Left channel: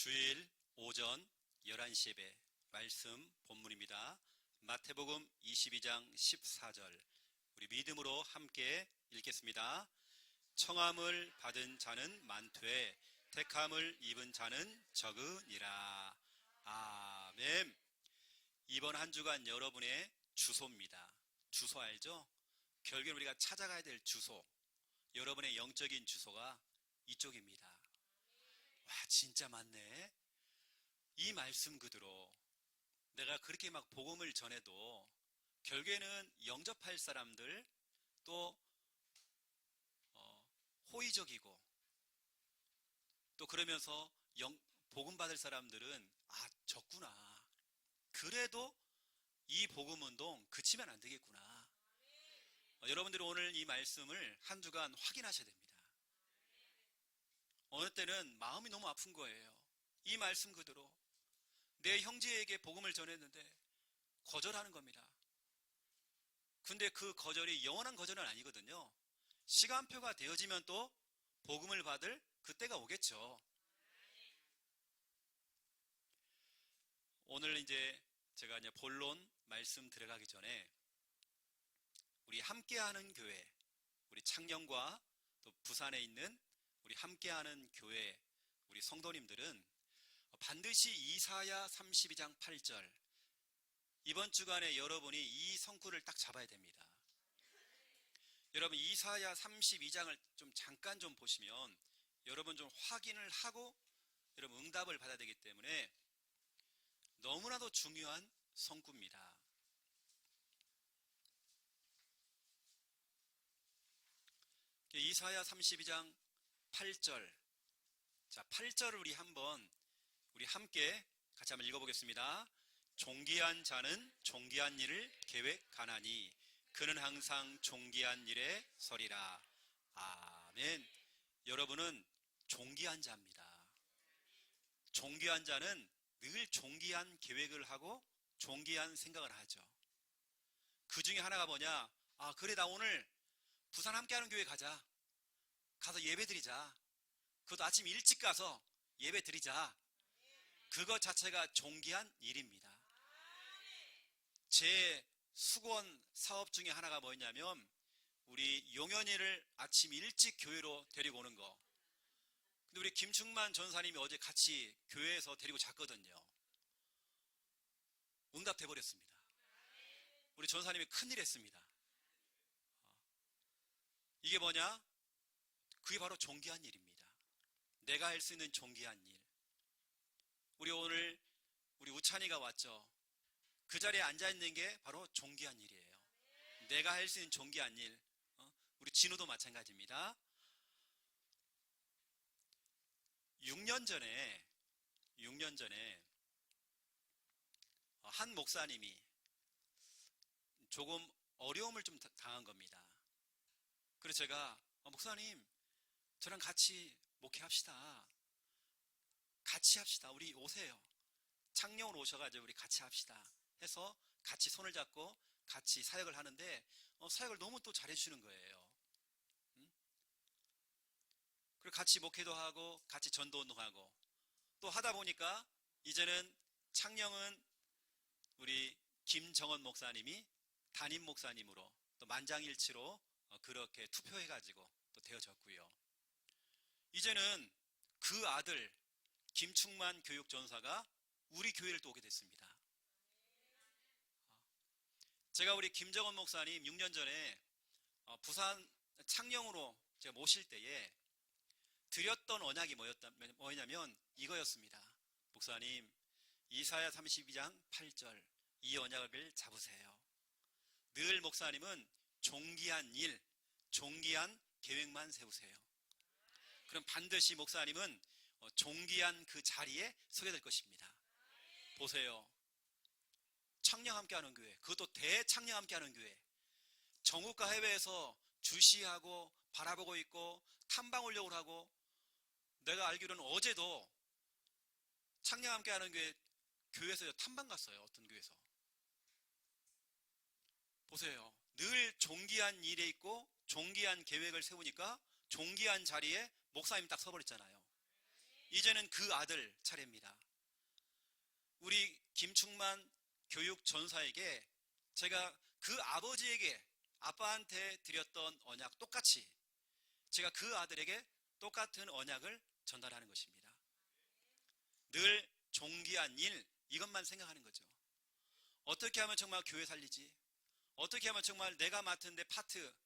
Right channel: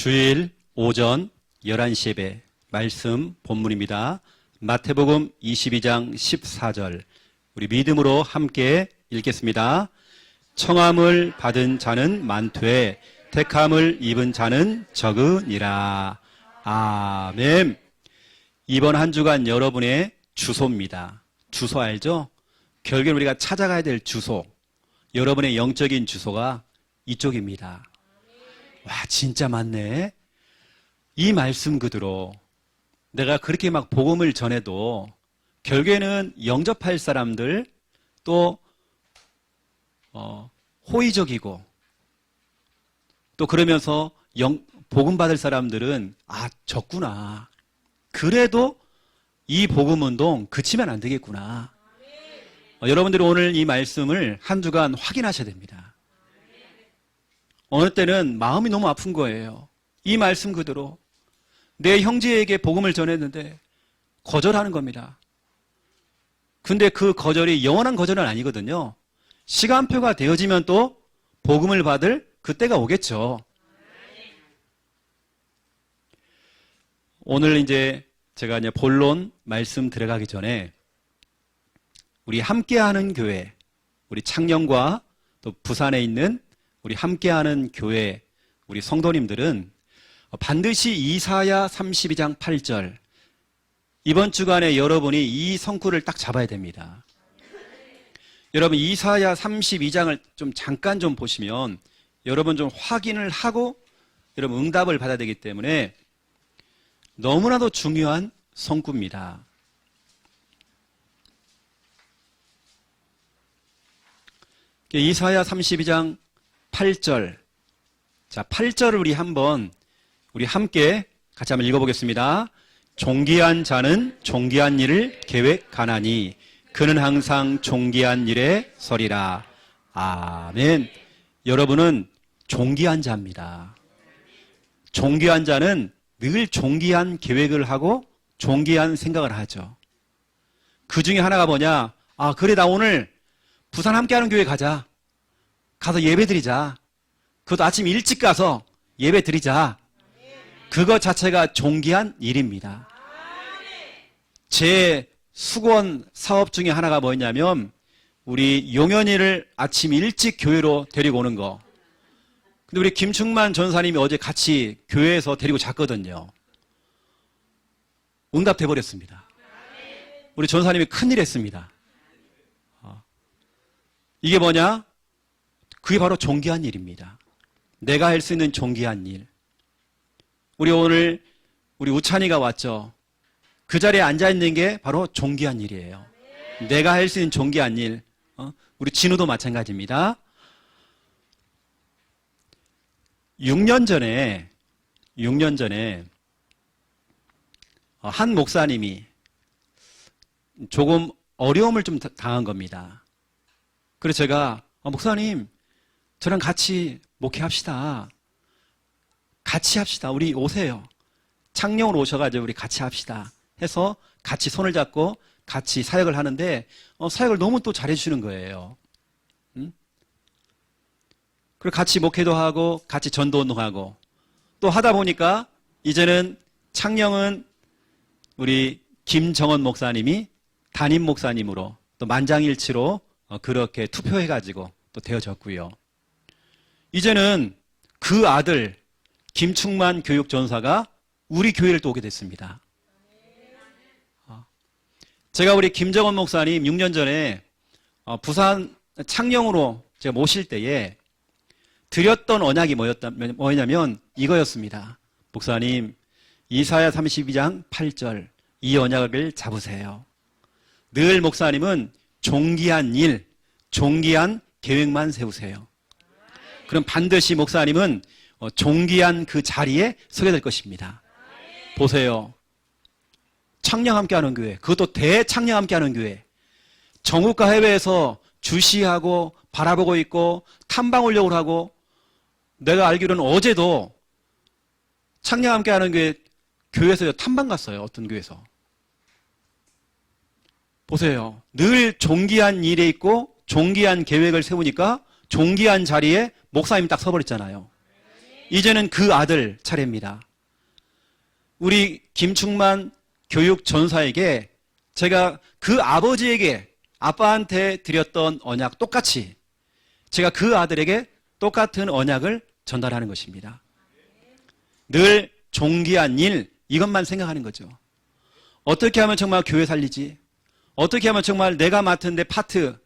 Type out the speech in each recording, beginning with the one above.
주일 오전 11시 예배 말씀 본문입니다. 마태복음 22장 14절 우리 믿음으로 함께 읽겠습니다. 청함을 받은 자는 많되 택함을 입은 자는 적으니라. 아멘. 이번 한 주간 여러분의 주소입니다. 주소 알죠? 결국엔 우리가 찾아가야 될 주소, 여러분의 영적인 주소가 이쪽입니다. 와, 진짜 맞네. 이 말씀 그대로 내가 그렇게 막 복음을 전해도 결국에는 영접할 사람들, 또 호의적이고, 또 그러면서 복음 받을 사람들은 적구나. 그래도 이 복음 운동 그치면 안 되겠구나. 여러분들이 오늘 이 말씀을 한 주간 확인하셔야 됩니다. 어느 때는 마음이 너무 아픈 거예요. 이 말씀 그대로 내 형제에게 복음을 전했는데 거절하는 겁니다. 근데 그 거절이 영원한 거절은 아니거든요. 시간표가 되어지면 또 복음을 받을 그때가 오겠죠. 오늘 이제 제가 본론 말씀 들어가기 전에 우리 함께하는 교회, 우리 창녕과 또 부산에 있는 우리 함께하는 교회, 우리 성도님들은 반드시 이사야 32장 8절 이번 주간에 여러분이 이 성구를 딱 잡아야 됩니다. 여러분 이사야 32장을 좀 잠깐 좀 보시면 여러분 좀 확인을 하고 여러분 응답을 받아야 되기 때문에 너무나도 중요한 성구입니다. 이사야 32장 8절. 자, 8절을 우리 함께 같이 한번 읽어보겠습니다. 존귀한 자는 존귀한 일을 계획하나니 그는 항상 존귀한 일에 서리라. 아멘. 여러분은 존귀한 자입니다. 존귀한 자는 늘 존귀한 계획을 하고 존귀한 생각을 하죠. 그 중에 하나가 뭐냐? 그래, 나 오늘 부산 함께하는 교회 가자. 가서 예배 드리자. 그것도 아침 일찍 가서 예배 드리자. 그것 자체가 존귀한 일입니다. 제 수건 사업 중에 하나가 뭐였냐면 우리 용현이를 아침 일찍 교회로 데리고 오는 거. 근데 우리 김충만 전사님이 어제 같이 교회에서 데리고 잤거든요. 응답돼 버렸습니다. 우리 전사님이 큰일 했습니다. 이게 뭐냐? 그게 바로 존귀한 일입니다. 내가 할 수 있는 존귀한 일. 우리 오늘 우리 우찬이가 왔죠. 그 자리에 앉아있는 게 바로 존귀한 일이에요. 내가 할 수 있는 존귀한 일. 우리 진우도 마찬가지입니다. 6년 전에 한 목사님이 조금 어려움을 좀 당한 겁니다. 그래서 제가 목사님 저랑 같이 목회합시다. 같이 합시다. 우리 오세요. 창녕으로 오셔가지고 우리 같이 합시다. 해서 같이 손을 잡고 같이 사역을 하는데 사역을 너무 또 잘해주시는 거예요. 그리고 같이 목회도 하고 같이 전도운동하고 또 하다 보니까 이제는 창녕은 우리 김정원 목사님이 담임 목사님으로 또 만장일치로 그렇게 투표해가지고 또 되어졌고요. 이제는 그 아들 김충만 교육전사가 우리 교회를 또 오게 됐습니다. 제가 우리 김정원 목사님 6년 전에 부산 창녕으로 제가 모실 때에 드렸던 언약이 뭐였냐면 이거였습니다. 목사님 이사야 32장 8절 이 언약을 잡으세요. 늘 목사님은 존귀한 일, 존귀한 계획만 세우세요. 그럼 반드시 목사님은 존귀한 그 자리에 서게 될 것입니다. 보세요. 창녕 함께하는 교회, 그것도 대창녕 함께하는 교회. 전국과 해외에서 주시하고 바라보고 있고 탐방 훈련을 하고, 내가 알기로는 어제도 창녕 함께하는 교회에서 탐방 갔어요. 어떤 교회에서. 보세요. 늘 존귀한 일에 있고 존귀한 계획을 세우니까 존귀한 자리에 목사님이 딱 서버렸잖아요. 이제는 그 아들 차례입니다. 우리 김충만 교육 전사에게 제가 그 아버지에게 아빠한테 드렸던 언약 똑같이 제가 그 아들에게 똑같은 언약을 전달하는 것입니다. 늘 존귀한 일, 이것만 생각하는 거죠. 어떻게 하면 정말 교회 살리지? 어떻게 하면 정말 내가 맡은 내 파트,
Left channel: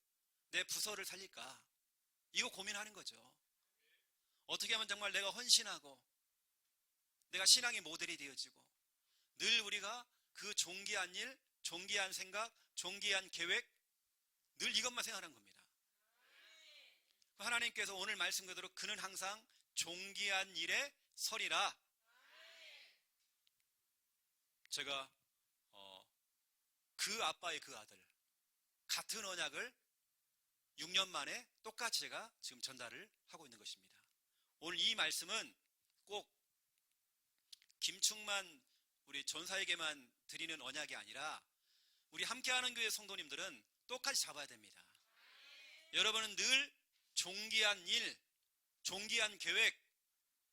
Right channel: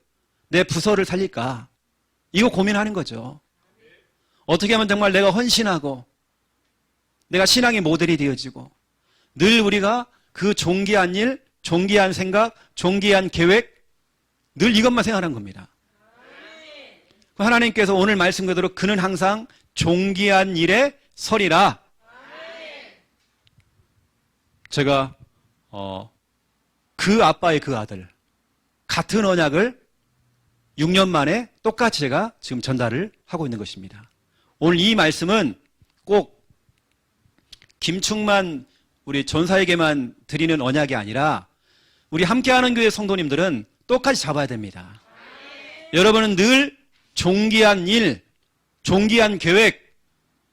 내 부서를 살릴까? 이거 고민하는 거죠. 어떻게 하면 정말 내가 헌신하고 내가 신앙의 모델이 되어지고 늘 우리가 그 존귀한 일, 존귀한 생각, 존귀한 계획 늘 이것만 생각하는 겁니다. 하나님께서 오늘 말씀 그대로 그는 항상 존귀한 일에 서리라. 제가 그 아빠의 그 아들 같은 언약을 6년 만에 똑같이 제가 지금 전달을 하고 있는 것입니다. 오늘 이 말씀은 꼭 김충만 우리 전사에게만 드리는 언약이 아니라 우리 함께하는 교회 성도님들은 똑같이 잡아야 됩니다. 여러분은 늘 존귀한 일, 존귀한 계획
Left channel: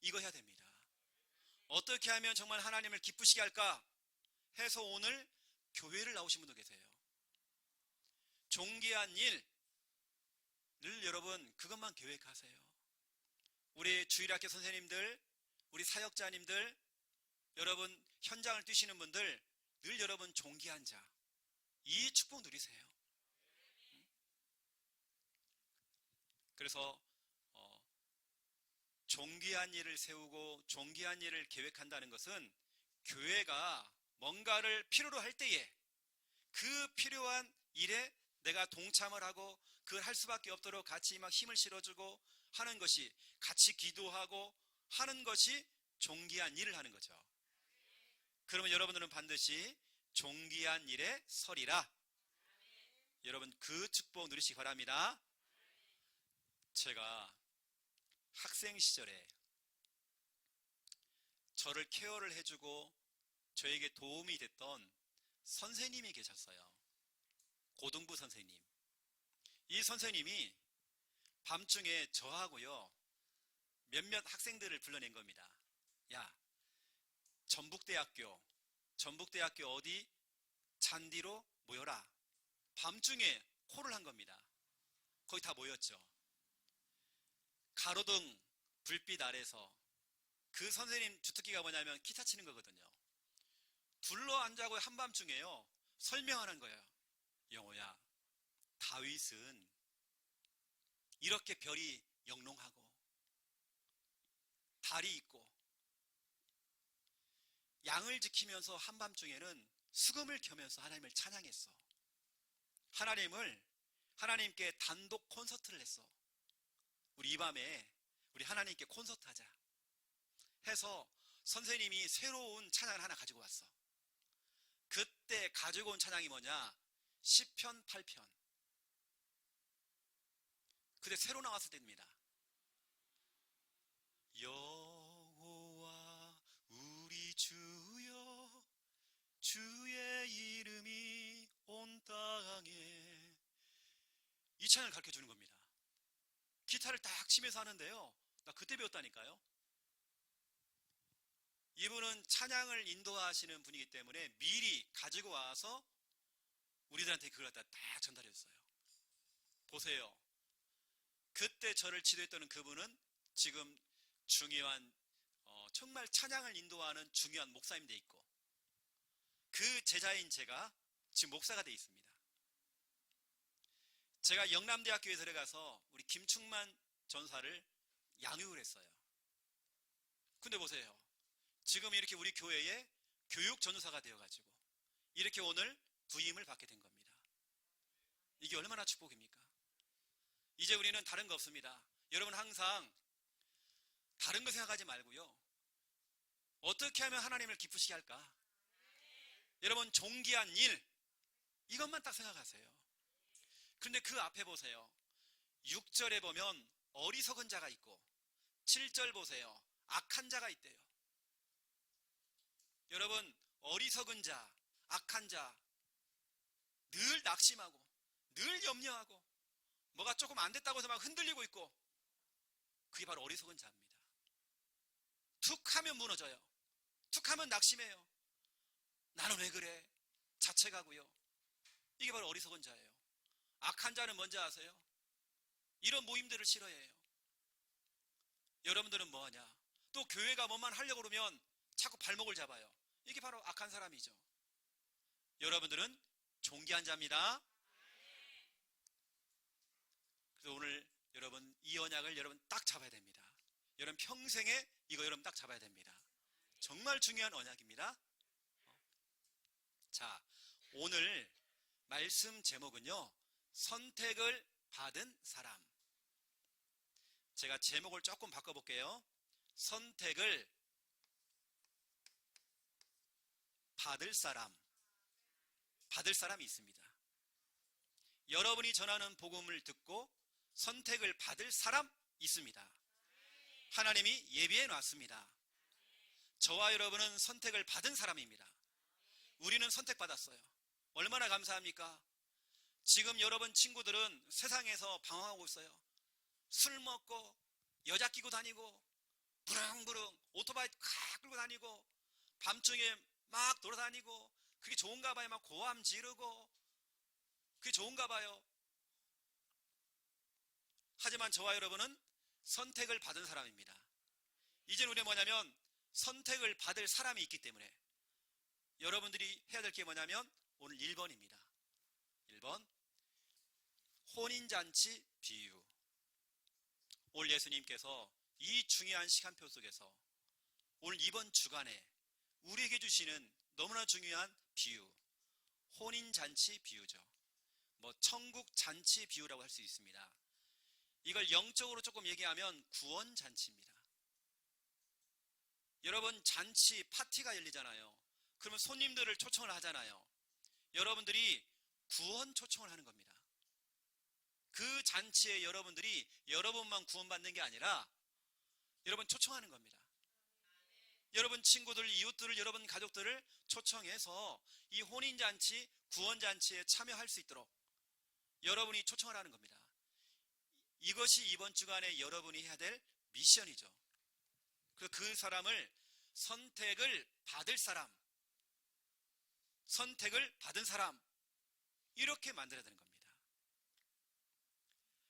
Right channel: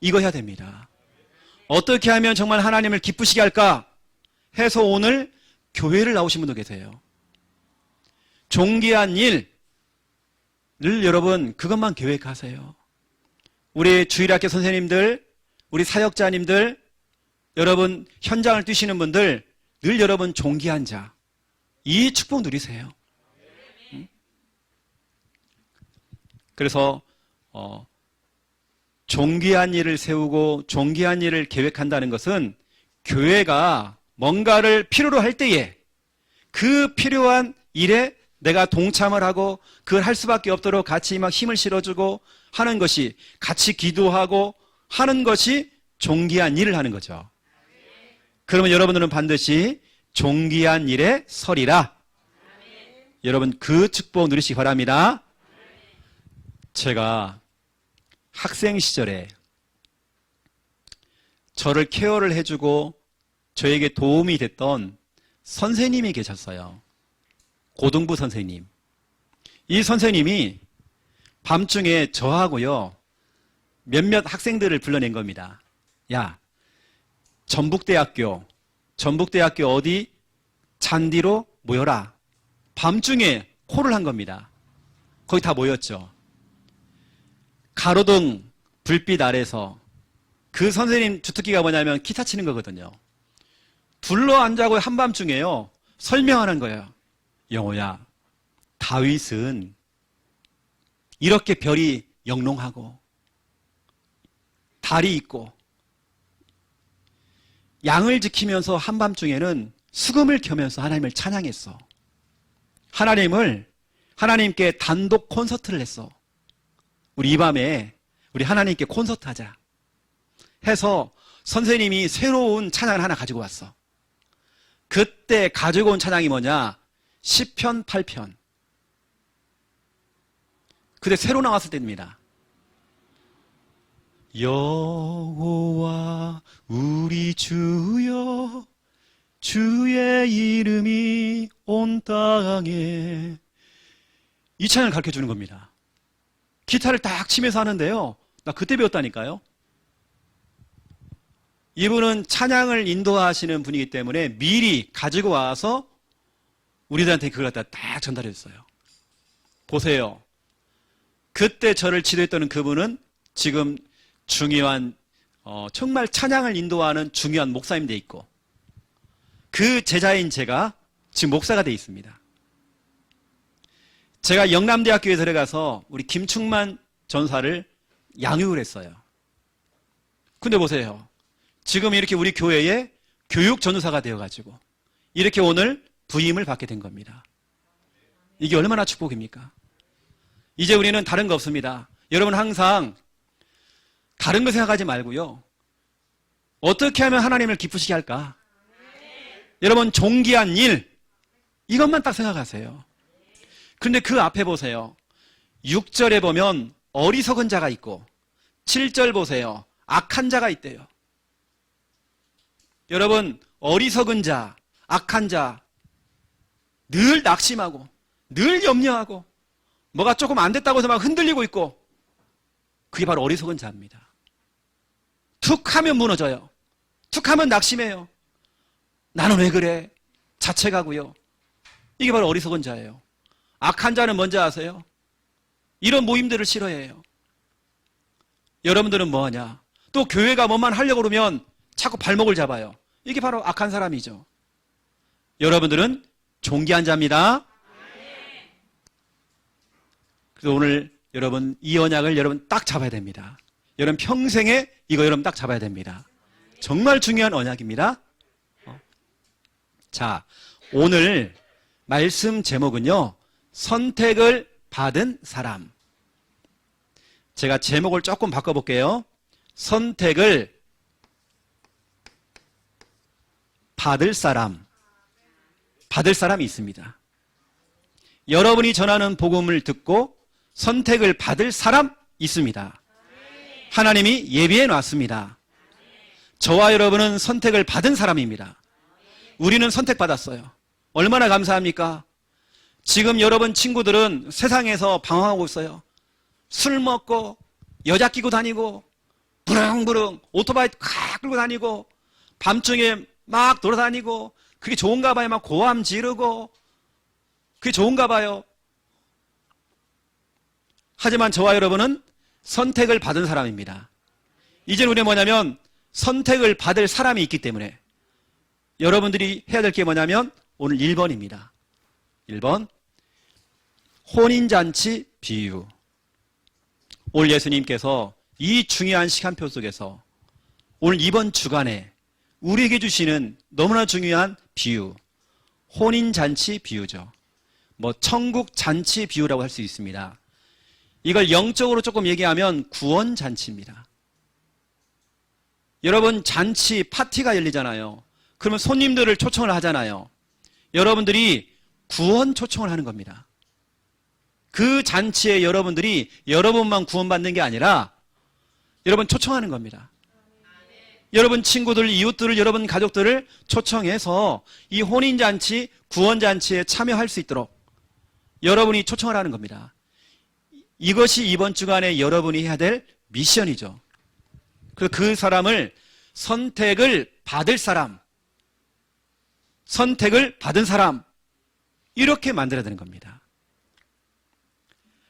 이거 해야 됩니다. 어떻게 하면 정말 하나님을 기쁘시게 할까 해서 오늘 교회를 나오신 분도 계세요. 존귀한 일을 여러분 그것만 계획하세요. 우리 주일학교 선생님들, 우리 사역자님들, 여러분 현장을 뛰시는 분들 늘 여러분 존귀한 자, 이 축복 누리세요. 그래서 존귀한 일을 세우고 존귀한 일을 계획한다는 것은 교회가 뭔가를 필요로 할 때에 그 필요한 일에 내가 동참을 하고 그걸 할 수밖에 없도록 같이 막 힘을 실어주고 하는 것이 같이 기도하고 하는 것이 존귀한 일을 하는 거죠. 그러면 여러분들은 반드시 존귀한 일에 서리라. 여러분 그 축복 누리시기 바랍니다. 제가 학생 시절에 저를 케어를 해주고 저에게 도움이 됐던 선생님이 계셨어요. 고등부 선생님. 이 선생님이 밤중에 저하고요 몇몇 학생들을 불러낸 겁니다. 야, 전북대학교 어디 잔디로 모여라. 밤중에 콜을 한 겁니다. 거기 다 모였죠. 가로등 불빛 아래서 그 선생님 주특기가 뭐냐면 기타 치는 거거든요. 둘러 앉아고 한밤중에요 설명하는 거예요. 영호야, 다윗은 이렇게 별이 영롱하고 달이 있고 양을 지키면서 한밤중에는 수금을 켜면서 하나님을 찬양했어. 하나님께 단독 콘서트를 했어. 우리 이 밤에 우리 하나님께 콘서트 하자 해서 선생님이 새로운 찬양을 하나 가지고 왔어. 그때 가지고 온 찬양이 뭐냐? 시편 8편. 그때 새로 나왔을 때입니다. 여호와 우리 주여 주의 이름이 온 땅에, 이 찬양을 가르쳐 주는 겁니다. 기타를 딱 치면서 하는데요, 나 그때 배웠다니까요. 이분은 찬양을 인도하시는 분이기 때문에 미리 가지고 와서 우리들한테 그걸 갖다 딱 전달해 줬어요. 보세요. 그때 저를 지도했던 그분은 지금 중요한 정말 찬양을 인도하는 중요한 목사님 돼 있고, 그 제자인 제가 지금 목사가 돼 있습니다. 제가 영남대학교에 들어가서 우리 김충만 전사를 양육을 했어요. 근데 보세요. 지금 이렇게 우리 교회에 교육 전도사가 되어가지고 이렇게 오늘 부임을 받게 된 겁니다. 이게 얼마나 축복입니까? 이제 우리는 다른 거 없습니다. 여러분 항상 다른 거 생각하지 말고요, 어떻게 하면 하나님을 기쁘시게 할까? 여러분 존귀한 일, 이것만 딱 생각하세요. 그런데 그 앞에 보세요. 6절에 보면 어리석은 자가 있고 7절 보세요. 악한 자가 있대요. 여러분 어리석은 자, 악한 자, 늘 낙심하고 늘 염려하고 뭐가 조금 안 됐다고 해서 막 흔들리고 있고, 그게 바로 어리석은 자입니다. 툭 하면 무너져요. 툭 하면 낙심해요. 나는 왜 그래? 자책하고요. 이게 바로 어리석은 자예요. 악한 자는 뭔지 아세요? 이런 모임들을 싫어해요. 여러분들은 뭐하냐? 또 교회가 뭐만 하려고 그러면 자꾸 발목을 잡아요. 이게 바로 악한 사람이죠. 여러분들은 존귀한 자입니다. 그래서 오늘 여러분 이 언약을 여러분 딱 잡아야 됩니다. 여러분 평생에 이거 여러분 딱 잡아야 됩니다. 정말 중요한 언약입니다. 자, 오늘 말씀 제목은요, 선택을 받은 사람. 제가 제목을 조금 바꿔볼게요. 선택을 받을 사람. 받을 사람이 있습니다. 여러분이 전하는 복음을 듣고 선택을 받을 사람 있습니다. 하나님이 예비해 놨습니다. 저와 여러분은 선택을 받은 사람입니다. 우리는 선택받았어요. 얼마나 감사합니까? 지금 여러분 친구들은 세상에서 방황하고 있어요. 술 먹고 여자 끼고 다니고 부릉부릉 오토바이 칵 끌고 다니고 밤중에 막 돌아다니고 그게 좋은가 봐요. 막 고함 지르고 그게 좋은가 봐요. 하지만 저와 여러분은 선택을 받은 사람입니다. 이제 우리는 뭐냐면 선택을 받을 사람이 있기 때문에 여러분들이 해야 될 게 뭐냐면 오늘 1번입니다. 1번 혼인잔치 비유. 오늘 예수님께서 이 중요한 시간표 속에서 오늘 이번 주간에 우리에게 주시는 너무나 중요한 비유, 혼인잔치 비유죠. 뭐 천국잔치 비유라고 할 수 있습니다. 이걸 영적으로 조금 얘기하면 구원잔치입니다. 여러분 잔치, 파티가 열리잖아요. 그러면 손님들을 초청을 하잖아요. 여러분들이 구원 초청을 하는 겁니다. 그 잔치에 여러분들이 여러분만 구원받는 게 아니라 여러분 초청하는 겁니다. 여러분 친구들, 이웃들을, 여러분 가족들을 초청해서 이 혼인잔치, 구원잔치에 참여할 수 있도록 여러분이 초청을 하는 겁니다. 이것이 이번 주간에 여러분이 해야 될 미션이죠. 그 사람을 선택을 받을 사람, 선택을 받은 사람, 이렇게 만들어야 되는 겁니다.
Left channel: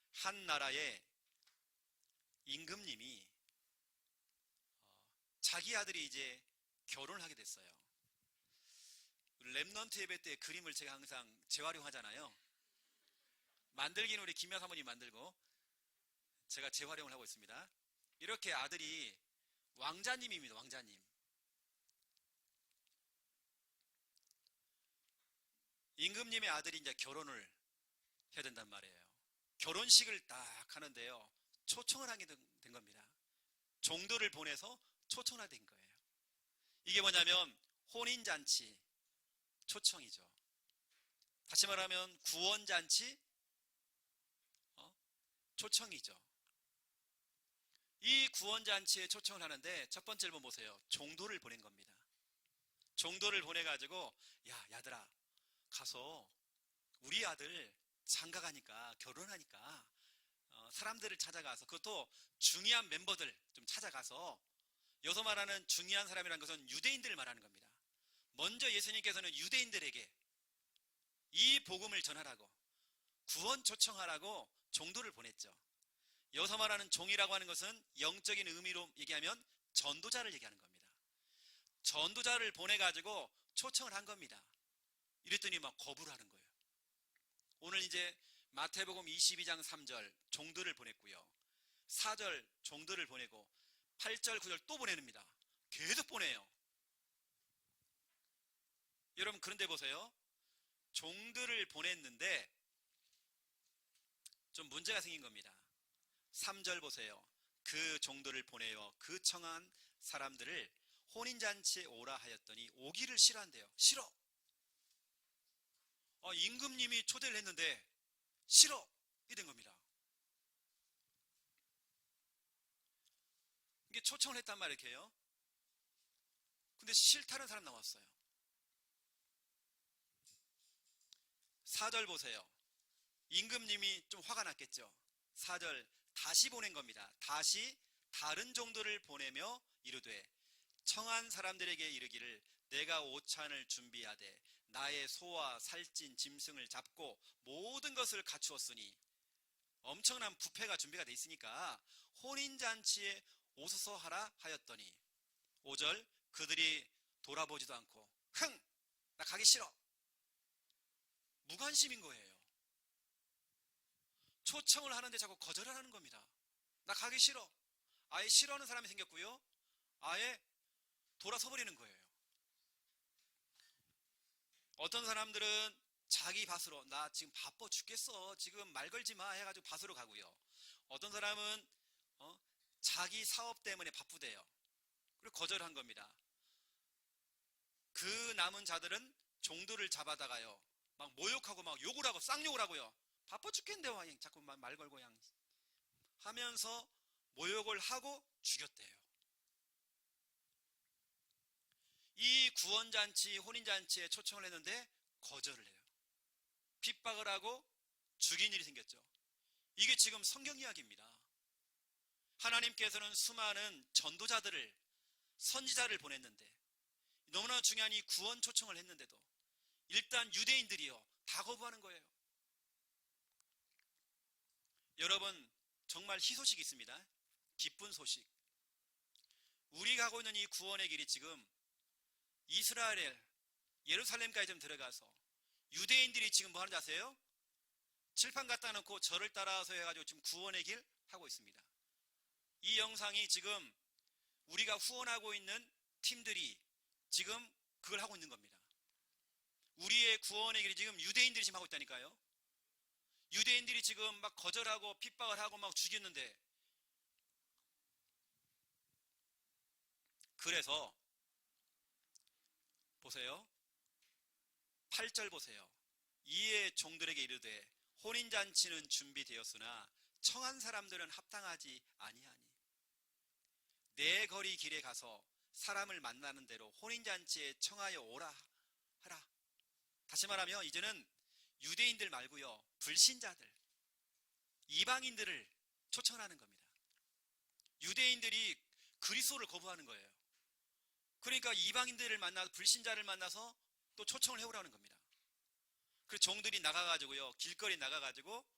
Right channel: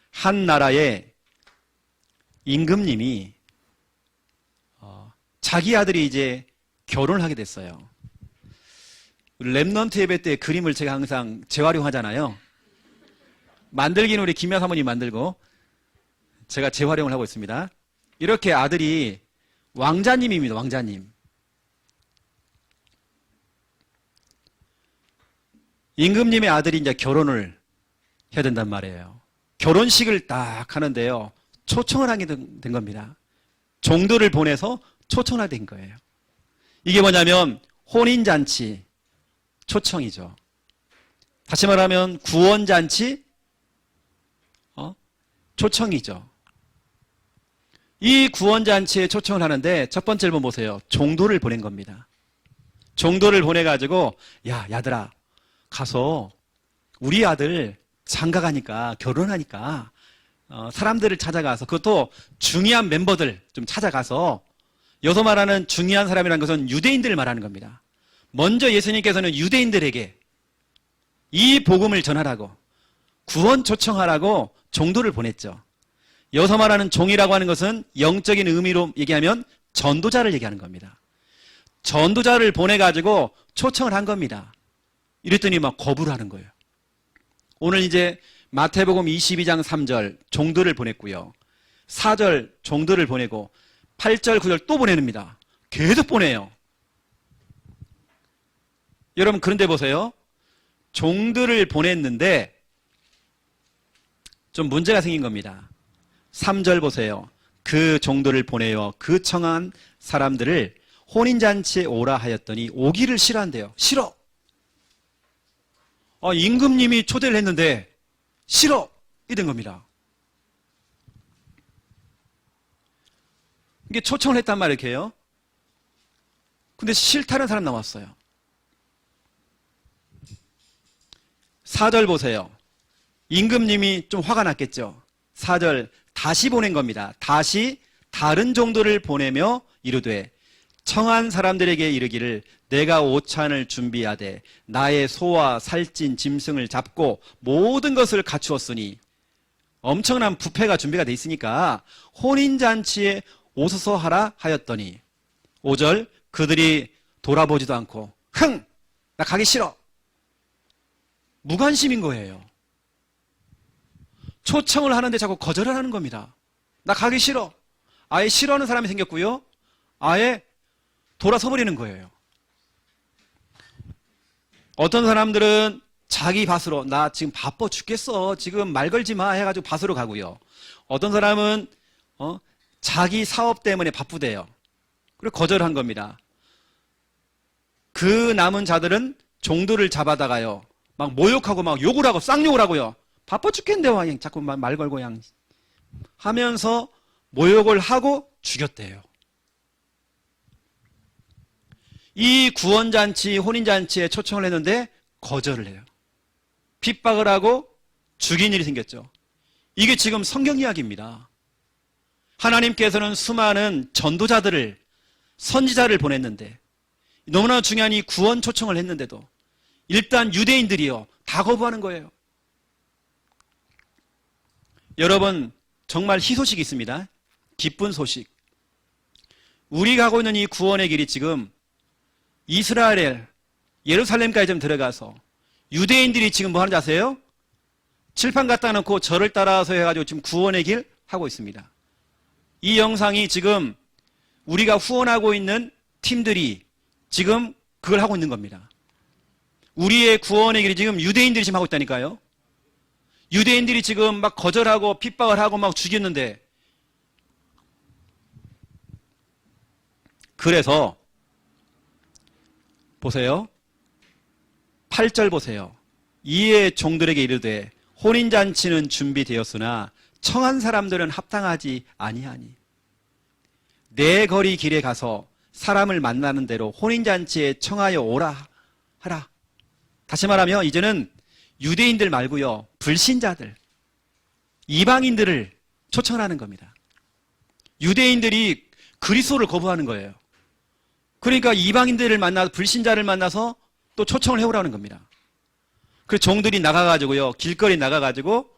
한 나라의 임금님이 자기 아들이 이제 결혼을 하게 됐어요. 랩넌트 예배 때 그림을 제가 항상 재활용하잖아요. 만들기는 우리 김야 사모님 만들고 제가 재활용을 하고 있습니다. 이렇게 아들이 왕자님입니다. 왕자님. 임금님의 아들이 이제 결혼을 해야 된단 말이에요. 결혼식을 딱 하는데요. 초청을 하게 된 겁니다. 종들을 보내서 초청을 하게 된 거예요. 이게 뭐냐면 혼인잔치 초청이죠. 다시 말하면 구원잔치 초청이죠. 이 구원잔치에 초청을 하는데 첫 번째 1번 보세요. 종도를 보낸 겁니다. 종도를 보내가지고 야, 야들아 가서 우리 아들 장가가니까 결혼하니까 사람들을 찾아가서 그것도 중요한 멤버들 좀 찾아가서 여기서 말하는 중요한 사람이라는 것은 유대인들을 말하는 겁니다. 먼저 예수님께서는 유대인들에게 이 복음을 전하라고 구원 초청하라고 종도를 보냈죠. 여기서 말하는 종이라고 하는 것은 영적인 의미로 얘기하면 전도자를 얘기하는 겁니다. 전도자를 보내가지고 초청을 한 겁니다. 이랬더니 막 거부를 하는 거예요. 오늘 이제 마태복음 22장 3절 종도를 보냈고요. 4절 종도를 보내고 8절 9절 또 보냅니다. 계속 보내요. 여러분 그런데 보세요. 종들을 보냈는데 좀 문제가 생긴 겁니다. 3절 보세요. 그 종들을 보내어 그 청한 사람들을 혼인잔치에 오라 하였더니 오기를 싫어한대요. 싫어. 임금님이 초대를 했는데 싫어. 이런 겁니다. 이게 초청을 했단 말이에요. 이렇게요. 근데 싫다는 사람 나왔어요. 4절 보세요. 임금님이 좀 화가 났겠죠. 4절 다시 보낸 겁니다. 다시 다른 종들을 보내며 이르되 청한 사람들에게 이르기를 내가 오찬을 준비하되 나의 소와 살찐 짐승을 잡고 모든 것을 갖추었으니 엄청난 뷔페가 준비가 돼 있으니까 혼인잔치에 오소서 하라 하였더니 5절 그들이 돌아보지도 않고 흥! 나 가기 싫어. 무관심인 거예요. 초청을 하는데 자꾸 거절을 하는 겁니다. 나 가기 싫어. 아예 싫어하는 사람이 생겼고요. 아예 돌아서 버리는 거예요. 어떤 사람들은 자기 밭으로 나 지금 바빠 죽겠어. 지금 말 걸지 마 해가지고 밭으로 가고요. 어떤 사람은 자기 사업 때문에 바쁘대요. 그리고 거절한 겁니다. 그 남은 자들은 종들을 잡아다가요. 막 모욕하고 막 욕을 하고 쌍욕을 하고요. 바빠 죽겠는데 와 자꾸 말 걸고 그냥 하면서 모욕을 하고 죽였대요. 이 구원잔치, 혼인잔치에 초청을 했는데 거절을 해요. 핍박을 하고 죽인 일이 생겼죠. 이게 지금 성경 이야기입니다. 하나님께서는 수많은 전도자들을, 선지자를 보냈는데 너무나 중요한 이 구원 초청을 했는데도 일단 유대인들이요 다 거부하는 거예요. 여러분 정말 희소식이 있습니다. 기쁜 소식. 우리 가고 있는 이 구원의 길이 지금 이스라엘, 예루살렘까지 좀 들어가서 유대인들이 지금 뭐 하는지 아세요? 칠판 갖다 놓고 저를 따라서 해가지고 지금 구원의 길 하고 있습니다. 이 영상이 지금 우리가 후원하고 있는 팀들이 지금 그걸 하고 있는 겁니다. 우리의 구원의 길이 지금 유대인들이 지금 하고 있다니까요. 유대인들이 지금 막 거절하고 핍박을 하고 막 죽였는데 그래서 보세요. 8절 보세요. 이에 종들에게 이르되 혼인잔치는 준비되었으나 청한 사람들은 합당하지 아니하니 내 거리 길에 가서 사람을 만나는 대로 혼인잔치에 청하여 오라 하라. 다시 말하면 이제는 유대인들 말고요 불신자들, 이방인들을 초청하는 겁니다. 유대인들이 그리스도를 거부하는 거예요. 그러니까 이방인들을 만나서 불신자를 만나서 또 초청을 해오라는 겁니다. 그 종들이 나가가지고요 길거리 나가가지고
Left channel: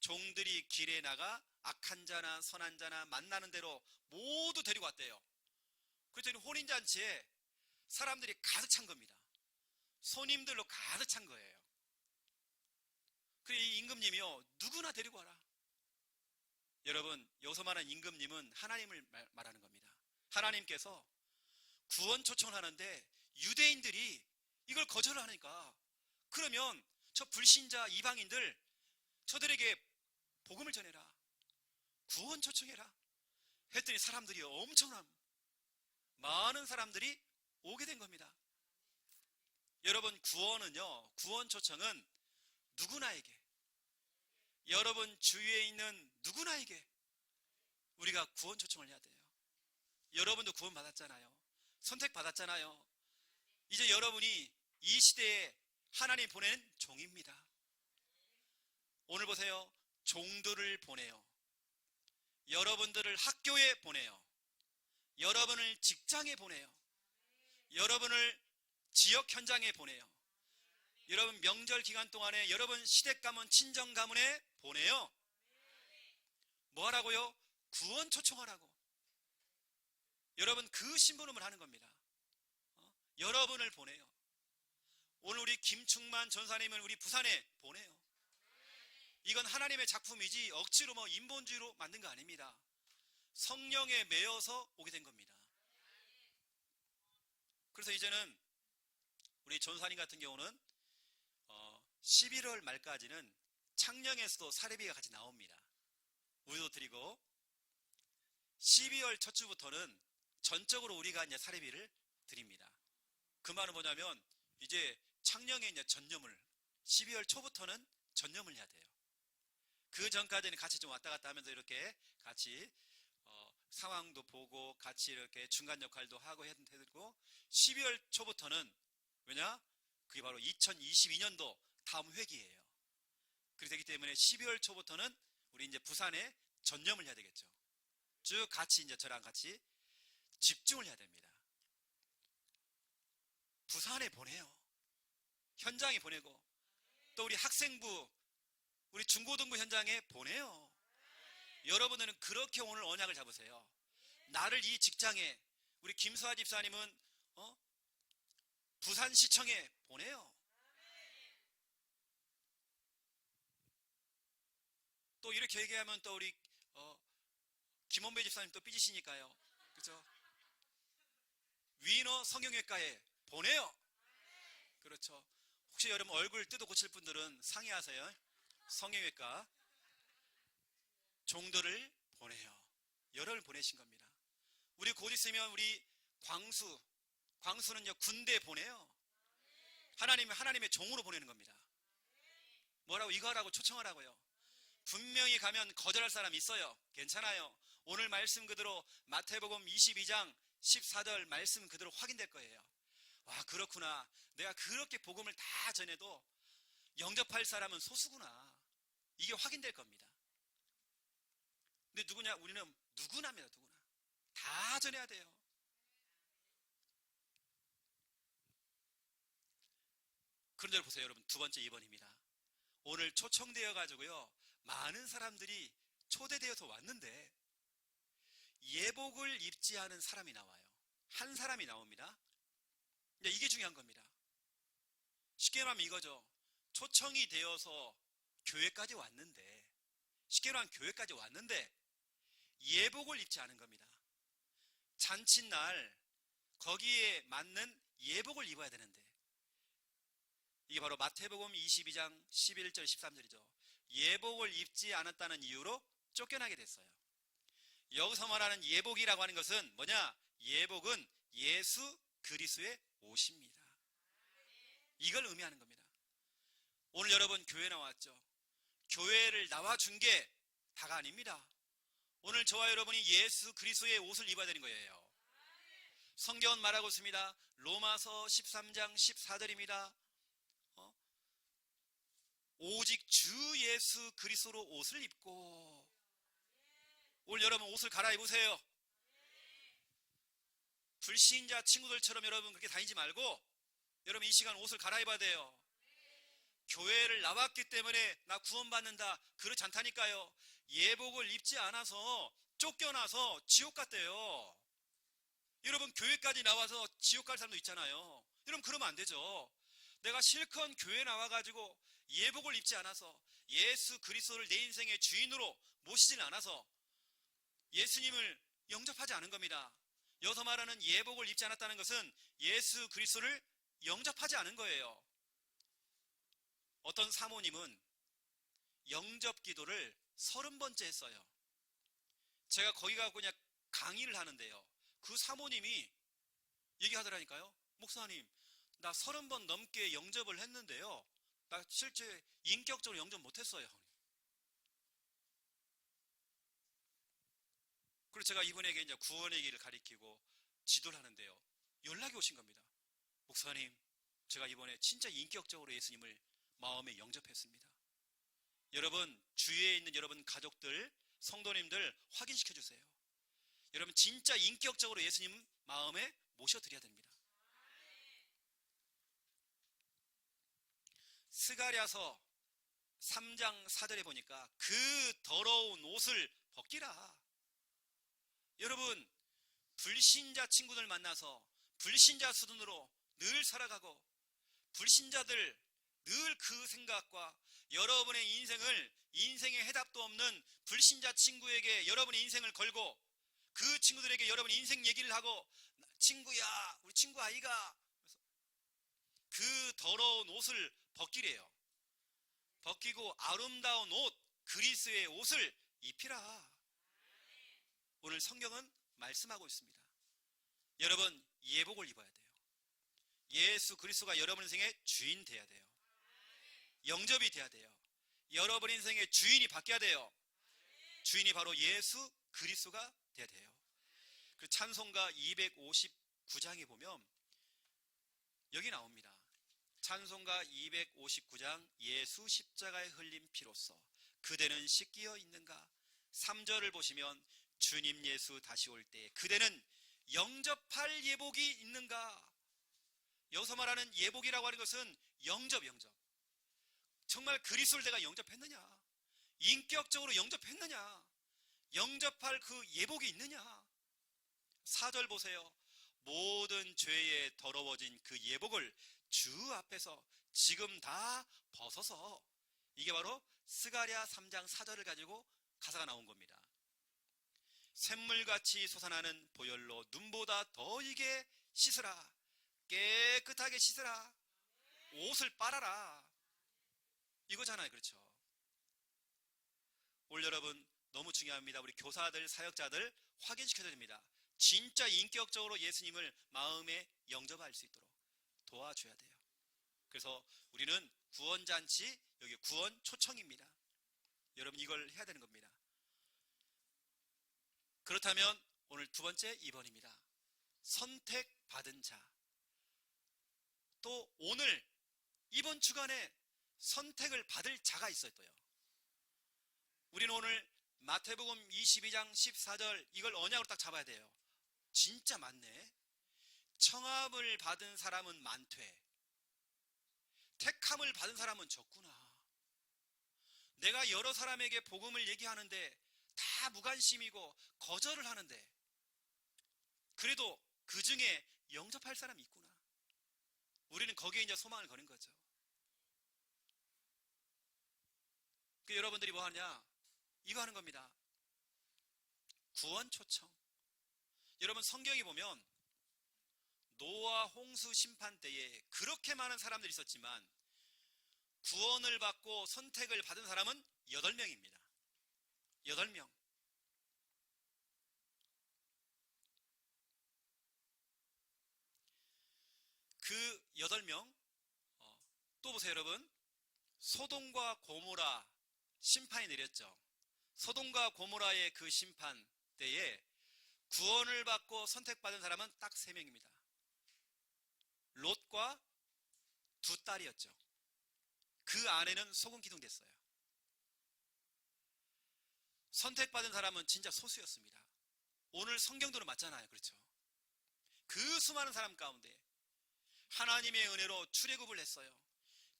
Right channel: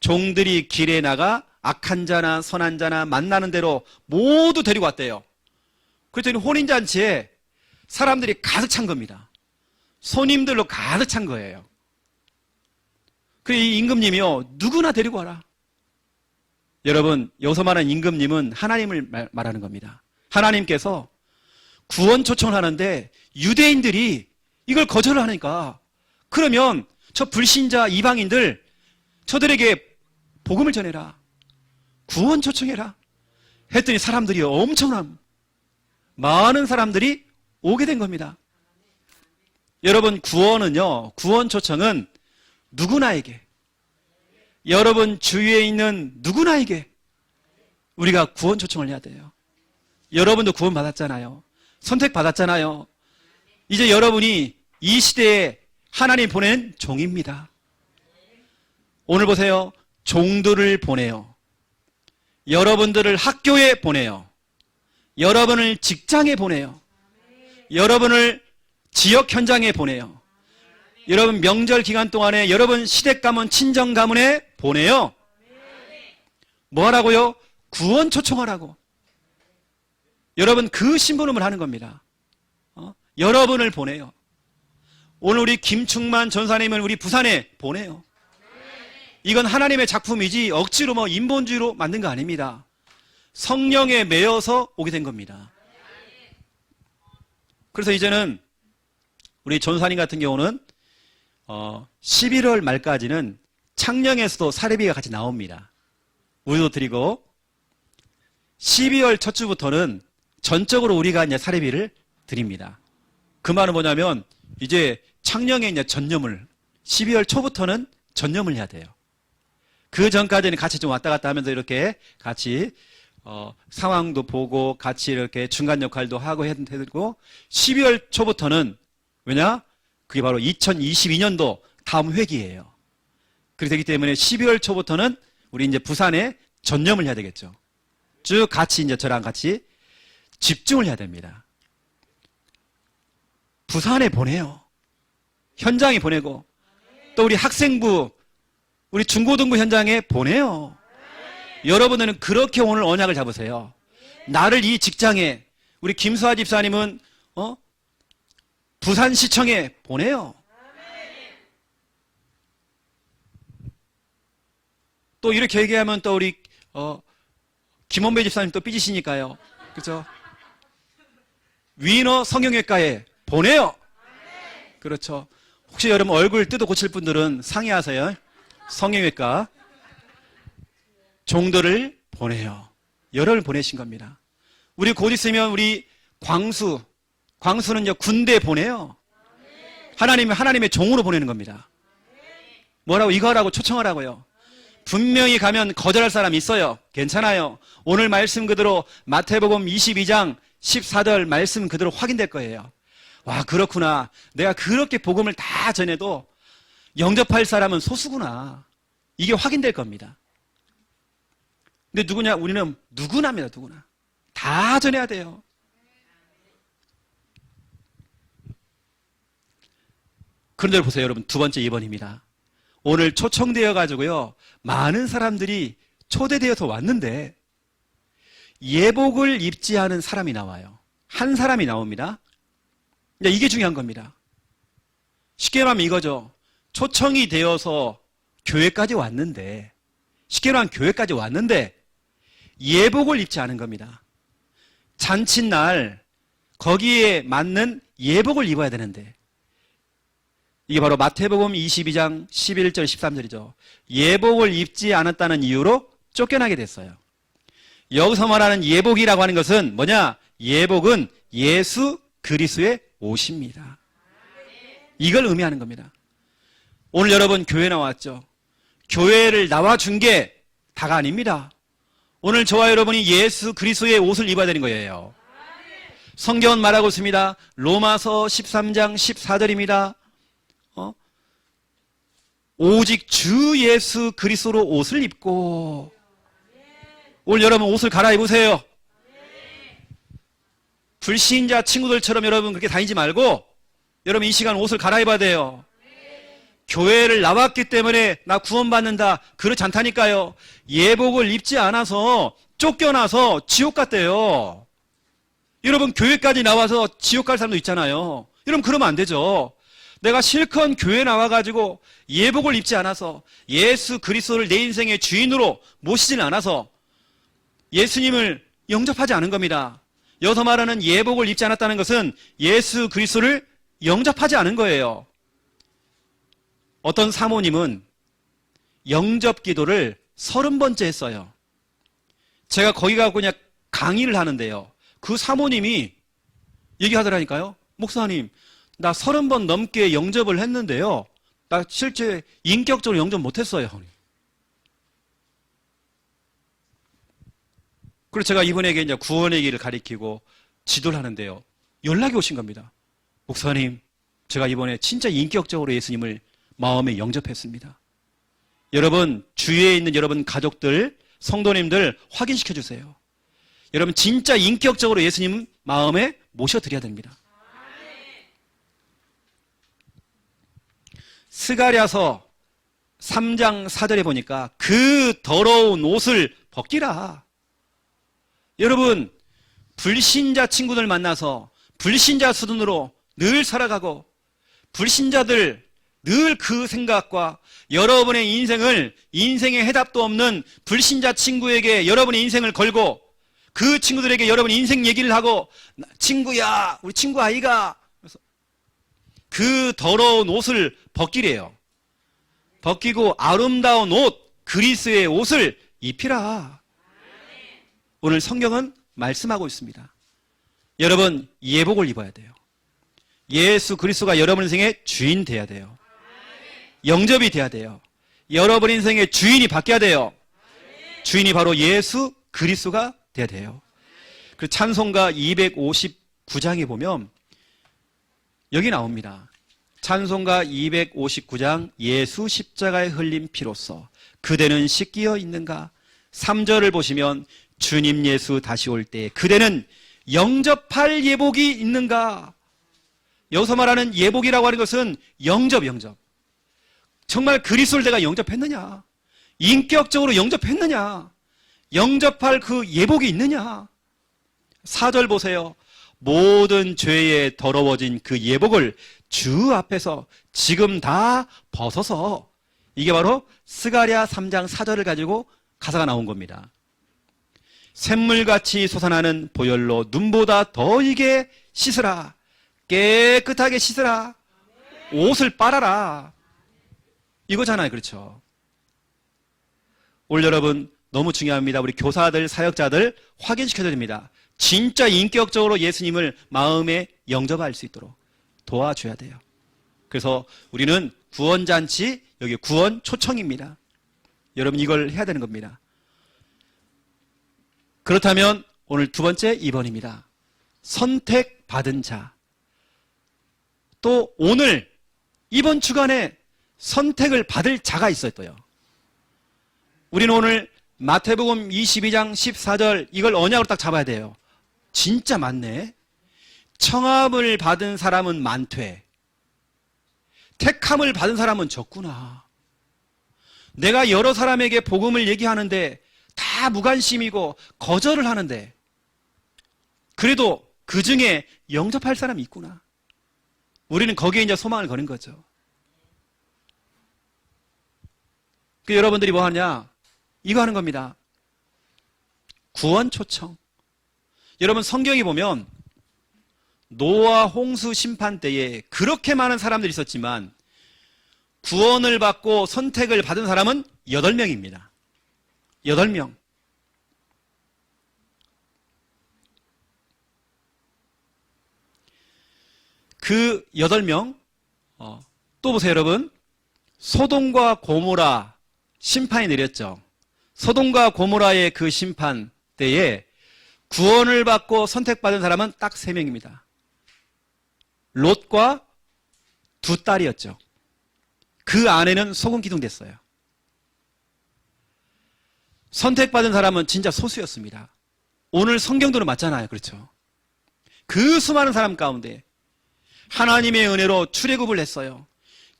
종들이 길에 나가 악한 자나 선한 자나 만나는 대로 모두 데리고 왔대요. 그랬더니 혼인잔치에 사람들이 가득 찬 겁니다. 손님들로 가득 찬 거예요. 그래 이 임금님이요 누구나 데리고 와라. 여러분 여기서 말하는 임금님은 하나님을 말하는 겁니다. 하나님께서 구원 초청을 하는데 유대인들이 이걸 거절을 하니까 그러면 저 불신자 이방인들 저들에게 복음을 전해라. 구원 초청해라. 했더니 사람들이 엄청난 많은 사람들이 오게 된 겁니다. 여러분 구원은요 구원 초청은 누구나에게 여러분 주위에 있는 누구나에게 우리가 구원 초청을 해야 돼요. 여러분도 구원 받았잖아요. 선택받았잖아요. 이제 여러분이 이 시대에 하나님 보낸 종입니다. 오늘 보세요. 종들을 보내요. 여러분들을 학교에 보내요. 여러분을 직장에 보내요. 여러분을 지역 현장에 보내요. 여러분 명절 기간 동안에 여러분 시댁 가문, 친정 가문에 보내요. 뭐 하라고요? 구원 초청하라고. 여러분 그 심부름을 하는 겁니다. 여러분을 보내요. 오늘 우리 김충만 전사님을 우리 부산에 보내요. 이건 하나님의 작품이지 억지로 뭐 인본주의로 만든 거 아닙니다. 성령에 매여서 오게 된 겁니다. 그래서 이제는 우리 전사님 같은 경우는 11월 말까지는 창녕에서도 사례비가 같이 나옵니다. 우리도 드리고 12월 첫 주부터는 전적으로 우리가 이제 사례비를 드립니다. 그 말은 뭐냐면 이제 창녕에 이제 전념을 12월 초부터는 전념을 해야 돼요. 그 전까지는 같이 좀 왔다 갔다 하면서 이렇게 같이 상황도 보고 같이 이렇게 중간 역할도 하고 해드리고 12월 초부터는 왜냐? 그게 바로 2022년도 다음 회기예요. 그렇게 되기 때문에 12월 초부터는 우리 이제 부산에 전념을 해야 되겠죠. 쭉 같이 이제 저랑 같이 집중을 해야 됩니다. 부산에 보내요. 현장에 보내고 또 우리 학생부, 우리 중고등부 현장에 보내요. 여러분들은 그렇게 오늘 언약을 잡으세요. 나를 이 직장에, 우리 김수아 집사님은 부산시청에 보내요. 또 이렇게 얘기하면 또 우리 김원배 집사님 또 삐지시니까요. 그렇죠? 위너 성형외과에 보내요. 그렇죠. 혹시 여러분 얼굴 뜯어 고칠 분들은 상의하세요. 성형외과 종들을 보내요. 여러분을 보내신 겁니다. 우리 곧 있으면 우리 광수는요 군대 보내요. 하나님의 종으로 보내는 겁니다. 뭐라고 이거 하라고 초청하라고요. 분명히 가면 거절할 사람이 있어요. 괜찮아요. 오늘 말씀 그대로 마태복음 22장 14절 말씀 그대로 확인될 거예요. 와, 그렇구나. 내가 그렇게 복음을 다 전해도 영접할 사람은 소수구나. 이게 확인될 겁니다. 근데 누구냐? 우리는 누구나입니다. 누구나. 다 전해야 돼요. 그런데 보세요, 여러분. 두 번째 2번입니다. 오늘 초청되어 가지고요. 많은 사람들이 초대되어서 왔는데 예복을 입지 않은 사람이 나와요. 한 사람이 나옵니다. 이게 중요한 겁니다. 쉽게 말하면 이거죠. 초청이 되어서 교회까지 왔는데, 쉽게 말하면 교회까지 왔는데 예복을 입지 않은 겁니다. 잔칫날 거기에 맞는 예복을 입어야 되는데, 이게 바로 마태복음 22장 11절 13절이죠. 예복을 입지 않았다는 이유로 쫓겨나게 됐어요. 여기서 말하는 예복이라고 하는 것은 뭐냐? 예복은 예수 그리스도의 옷입니다. 이걸 의미하는 겁니다. 오늘 여러분 교회 나왔죠? 교회를 나와준 게 다가 아닙니다. 오늘 저와 여러분이 예수 그리스도의 옷을 입어야 되는 거예요. 성경은 말하고 있습니다. 로마서 13장 14절입니다. 오직 주 예수 그리스도로 옷을 입고, 오늘 여러분 옷을 갈아입으세요. 불신자 친구들처럼 여러분 그렇게 다니지 말고 여러분 이 시간 옷을 갈아입어야 돼요. 교회를 나왔기 때문에 나 구원받는다, 그렇지 않다니까요. 예복을 입지 않아서 쫓겨나서 지옥 갔대요. 여러분 교회까지 나와서 지옥 갈 사람도 있잖아요. 여러분 그러면 안 되죠. 내가 실컷 교회 나와가지고 예복을 입지 않아서 예수 그리스도를 내 인생의 주인으로 모시지는 않아서 예수님을 영접하지 않은 겁니다. 여기서 말하는 예복을 입지 않았다는 것은 예수 그리스도를 영접하지 않은 거예요. 어떤 사모님은 영접 기도를 30번째 했어요. 제가 거기 가고 그냥 강의를 하는데요. 그 사모님이 얘기하더라니까요. 목사님, 나 30번 넘게 영접을 했는데요. 나 실제 인격적으로 영접 못했어요. 그래서 제가 이분에게 이제 구원의 길을 가리키고 지도를 하는데요. 연락이 오신 겁니다. 목사님, 제가 이번에 진짜 인격적으로 예수님을 마음에 영접했습니다. 여러분, 주위에 있는 여러분 가족들, 성도님들 확인시켜 주세요. 여러분 진짜 인격적으로 예수님 마음에 모셔드려야 됩니다. 스가랴서 3장 4절에 보니까 그 더러운 옷을 벗기라. 여러분 불신자 친구들 만나서 불신자 수준으로 늘 살아가고 불신자들 늘 그 생각과 여러분의 인생의 해답도 없는 불신자 친구에게 여러분의 인생을 걸고 그 친구들에게 여러분 인생 얘기를 하고 친구야, 우리 친구 아이가 그 더러운 옷을 벗기래요. 벗기고 아름다운 옷, 그리스의 옷을 입히라. 오늘 성경은 말씀하고 있습니다. 여러분 예복을 입어야 돼요. 예수 그리스도가 여러분 인생의 주인 돼야 돼요. 영접이 돼야 돼요. 여러분 인생의 주인이 바뀌어야 돼요. 주인이 바로 예수 그리스도가 돼야 돼요. 그 찬송가 259장에 보면 여기 나옵니다. 찬송가 259장 예수 십자가에 흘린 피로써 그대는 씻기어 있는가? 3절을 보시면 주님 예수 다시 올 때 그대는 영접할 예복이 있는가? 여기서 말하는 예복이라고 하는 것은 영접. 정말 그리스도를 내가 영접했느냐? 인격적으로 영접했느냐? 영접할 그 예복이 있느냐? 4절 보세요. 모든 죄에 더러워진 그 예복을 주 앞에서 지금 다 벗어서, 이게 바로 스가랴 3장 4절을 가지고 가사가 나온 겁니다. 샘물같이 솟아나는 보혈로 눈보다 더 이게 씻으라. 깨끗하게 씻으라. 옷을 빨아라. 이거잖아요. 그렇죠? 오늘 여러분 너무 중요합니다. 우리 교사들, 사역자들 확인시켜야 됩니다. 진짜 인격적으로 예수님을 마음에 영접할 수 있도록 도와줘야 돼요. 그래서 우리는 구원잔치, 여기 구원 초청입니다. 여러분 이걸 해야 되는 겁니다. 그렇다면 오늘 두 번째 2번입니다. 선택받은 자. 또 오늘 이번 주간에 선택을 받을 자가 있었어요. 우리는 오늘 마태복음 22장 14절 이걸 언약으로 딱 잡아야 돼요. 진짜 많네. 청함을 받은 사람은 많되 택함을 받은 사람은 적구나. 내가 여러 사람에게 복음을 얘기하는데 다 무관심이고 거절을 하는데 그래도 그 중에 영접할 사람이 있구나. 우리는 거기에 이제 소망을 거는 거죠. 그 여러분들이 뭐 하냐? 이거 하는 겁니다. 구원 초청. 여러분 성경에 보면 노아 홍수 심판 때에 그렇게 많은 사람들이 있었지만 구원을 받고 선택을 받은 사람은 8명입니다. 8명. 그 8명, 또 보세요, 여러분. 소돔과 고모라 심판이 내렸죠. 소돔과 고모라의 그 심판 때에 구원을 받고 선택받은 사람은 딱 3명입니다. 롯과 2 딸이었죠. 그 아내는 소금 기둥됐어요. 선택받은 사람은 진짜 소수였습니다. 오늘 성경도는 맞잖아요. 그렇죠? 그 수많은 사람 가운데 하나님의 은혜로 출애굽을 했어요.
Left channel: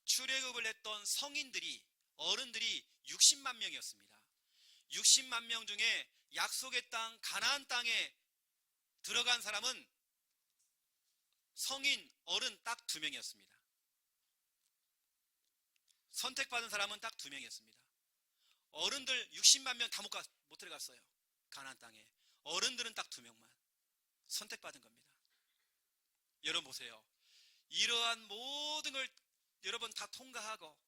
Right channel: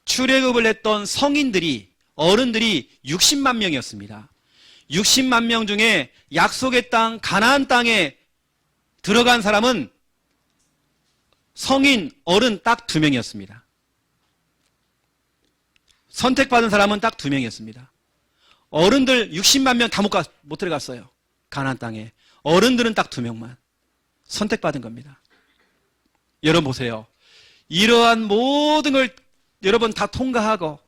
출애굽을 했던 성인들이, 어른들이 60만 명이었습니다. 60만 명 중에 약속의 땅 가나안 땅에 들어간 사람은 성인, 어른 딱 2명이었습니다. 선택받은 사람은 딱 2명이었습니다. 어른들 60만 명 다 못 들어갔어요. 가나안 땅에. 어른들은 딱 2명만 선택받은 겁니다. 여러분 보세요. 이러한 모든 걸 여러분 다 통과하고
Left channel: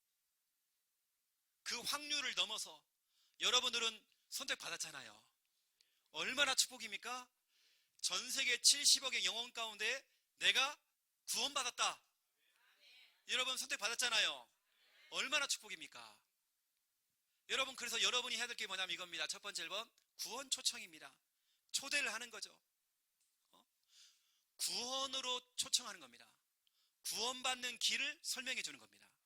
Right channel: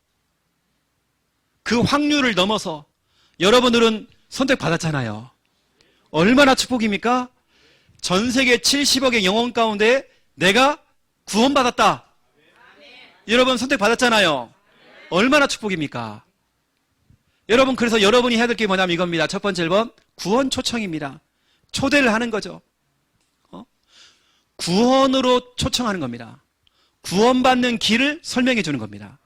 그 확률을 넘어서 여러분들은 선택받았잖아요. 얼마나 축복입니까? 전 세계 70억의 영혼 가운데 내가 구원받았다. 여러분 선택받았잖아요. 얼마나 축복입니까? 여러분 그래서 여러분이 해야 될 게 뭐냐면 이겁니다. 첫 번째 1번 구원 초청입니다. 초대를 하는 거죠. 구원으로 초청하는 겁니다. 구원받는 길을 설명해 주는 겁니다.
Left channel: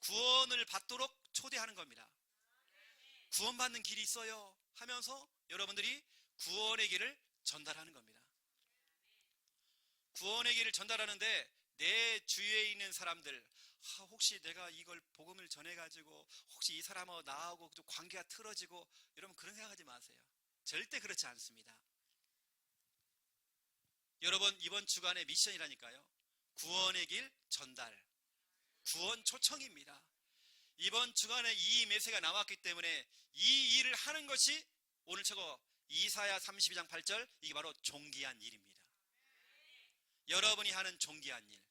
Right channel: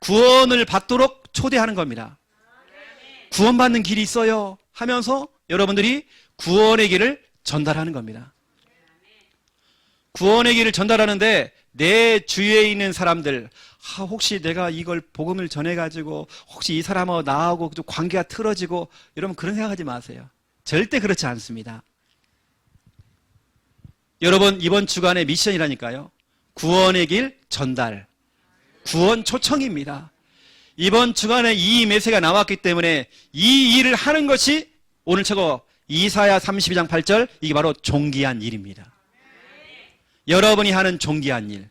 구원을 받도록 초대하는 겁니다. 구원받는 길이 있어요 하면서 여러분들이 구원의 길을 전달하는 겁니다. 구원의 길을 전달하는데 내 주위에 있는 사람들, 혹시 내가 이걸 복음을 전해가지고 혹시 이 사람하고 나하고 좀 관계가 틀어지고, 여러분 그런 생각하지 마세요. 절대 그렇지 않습니다. 여러분 이번 주간의 미션이라니까요. 구원의 길 전달, 구원 초청입니다. 이번 주간에 이 메시지가 나왔기 때문에 이 일을 하는 것이 오늘 최고 이사야 32장 8절, 이게 바로 존귀한 일입니다. 여러분이 하는 존귀한 일,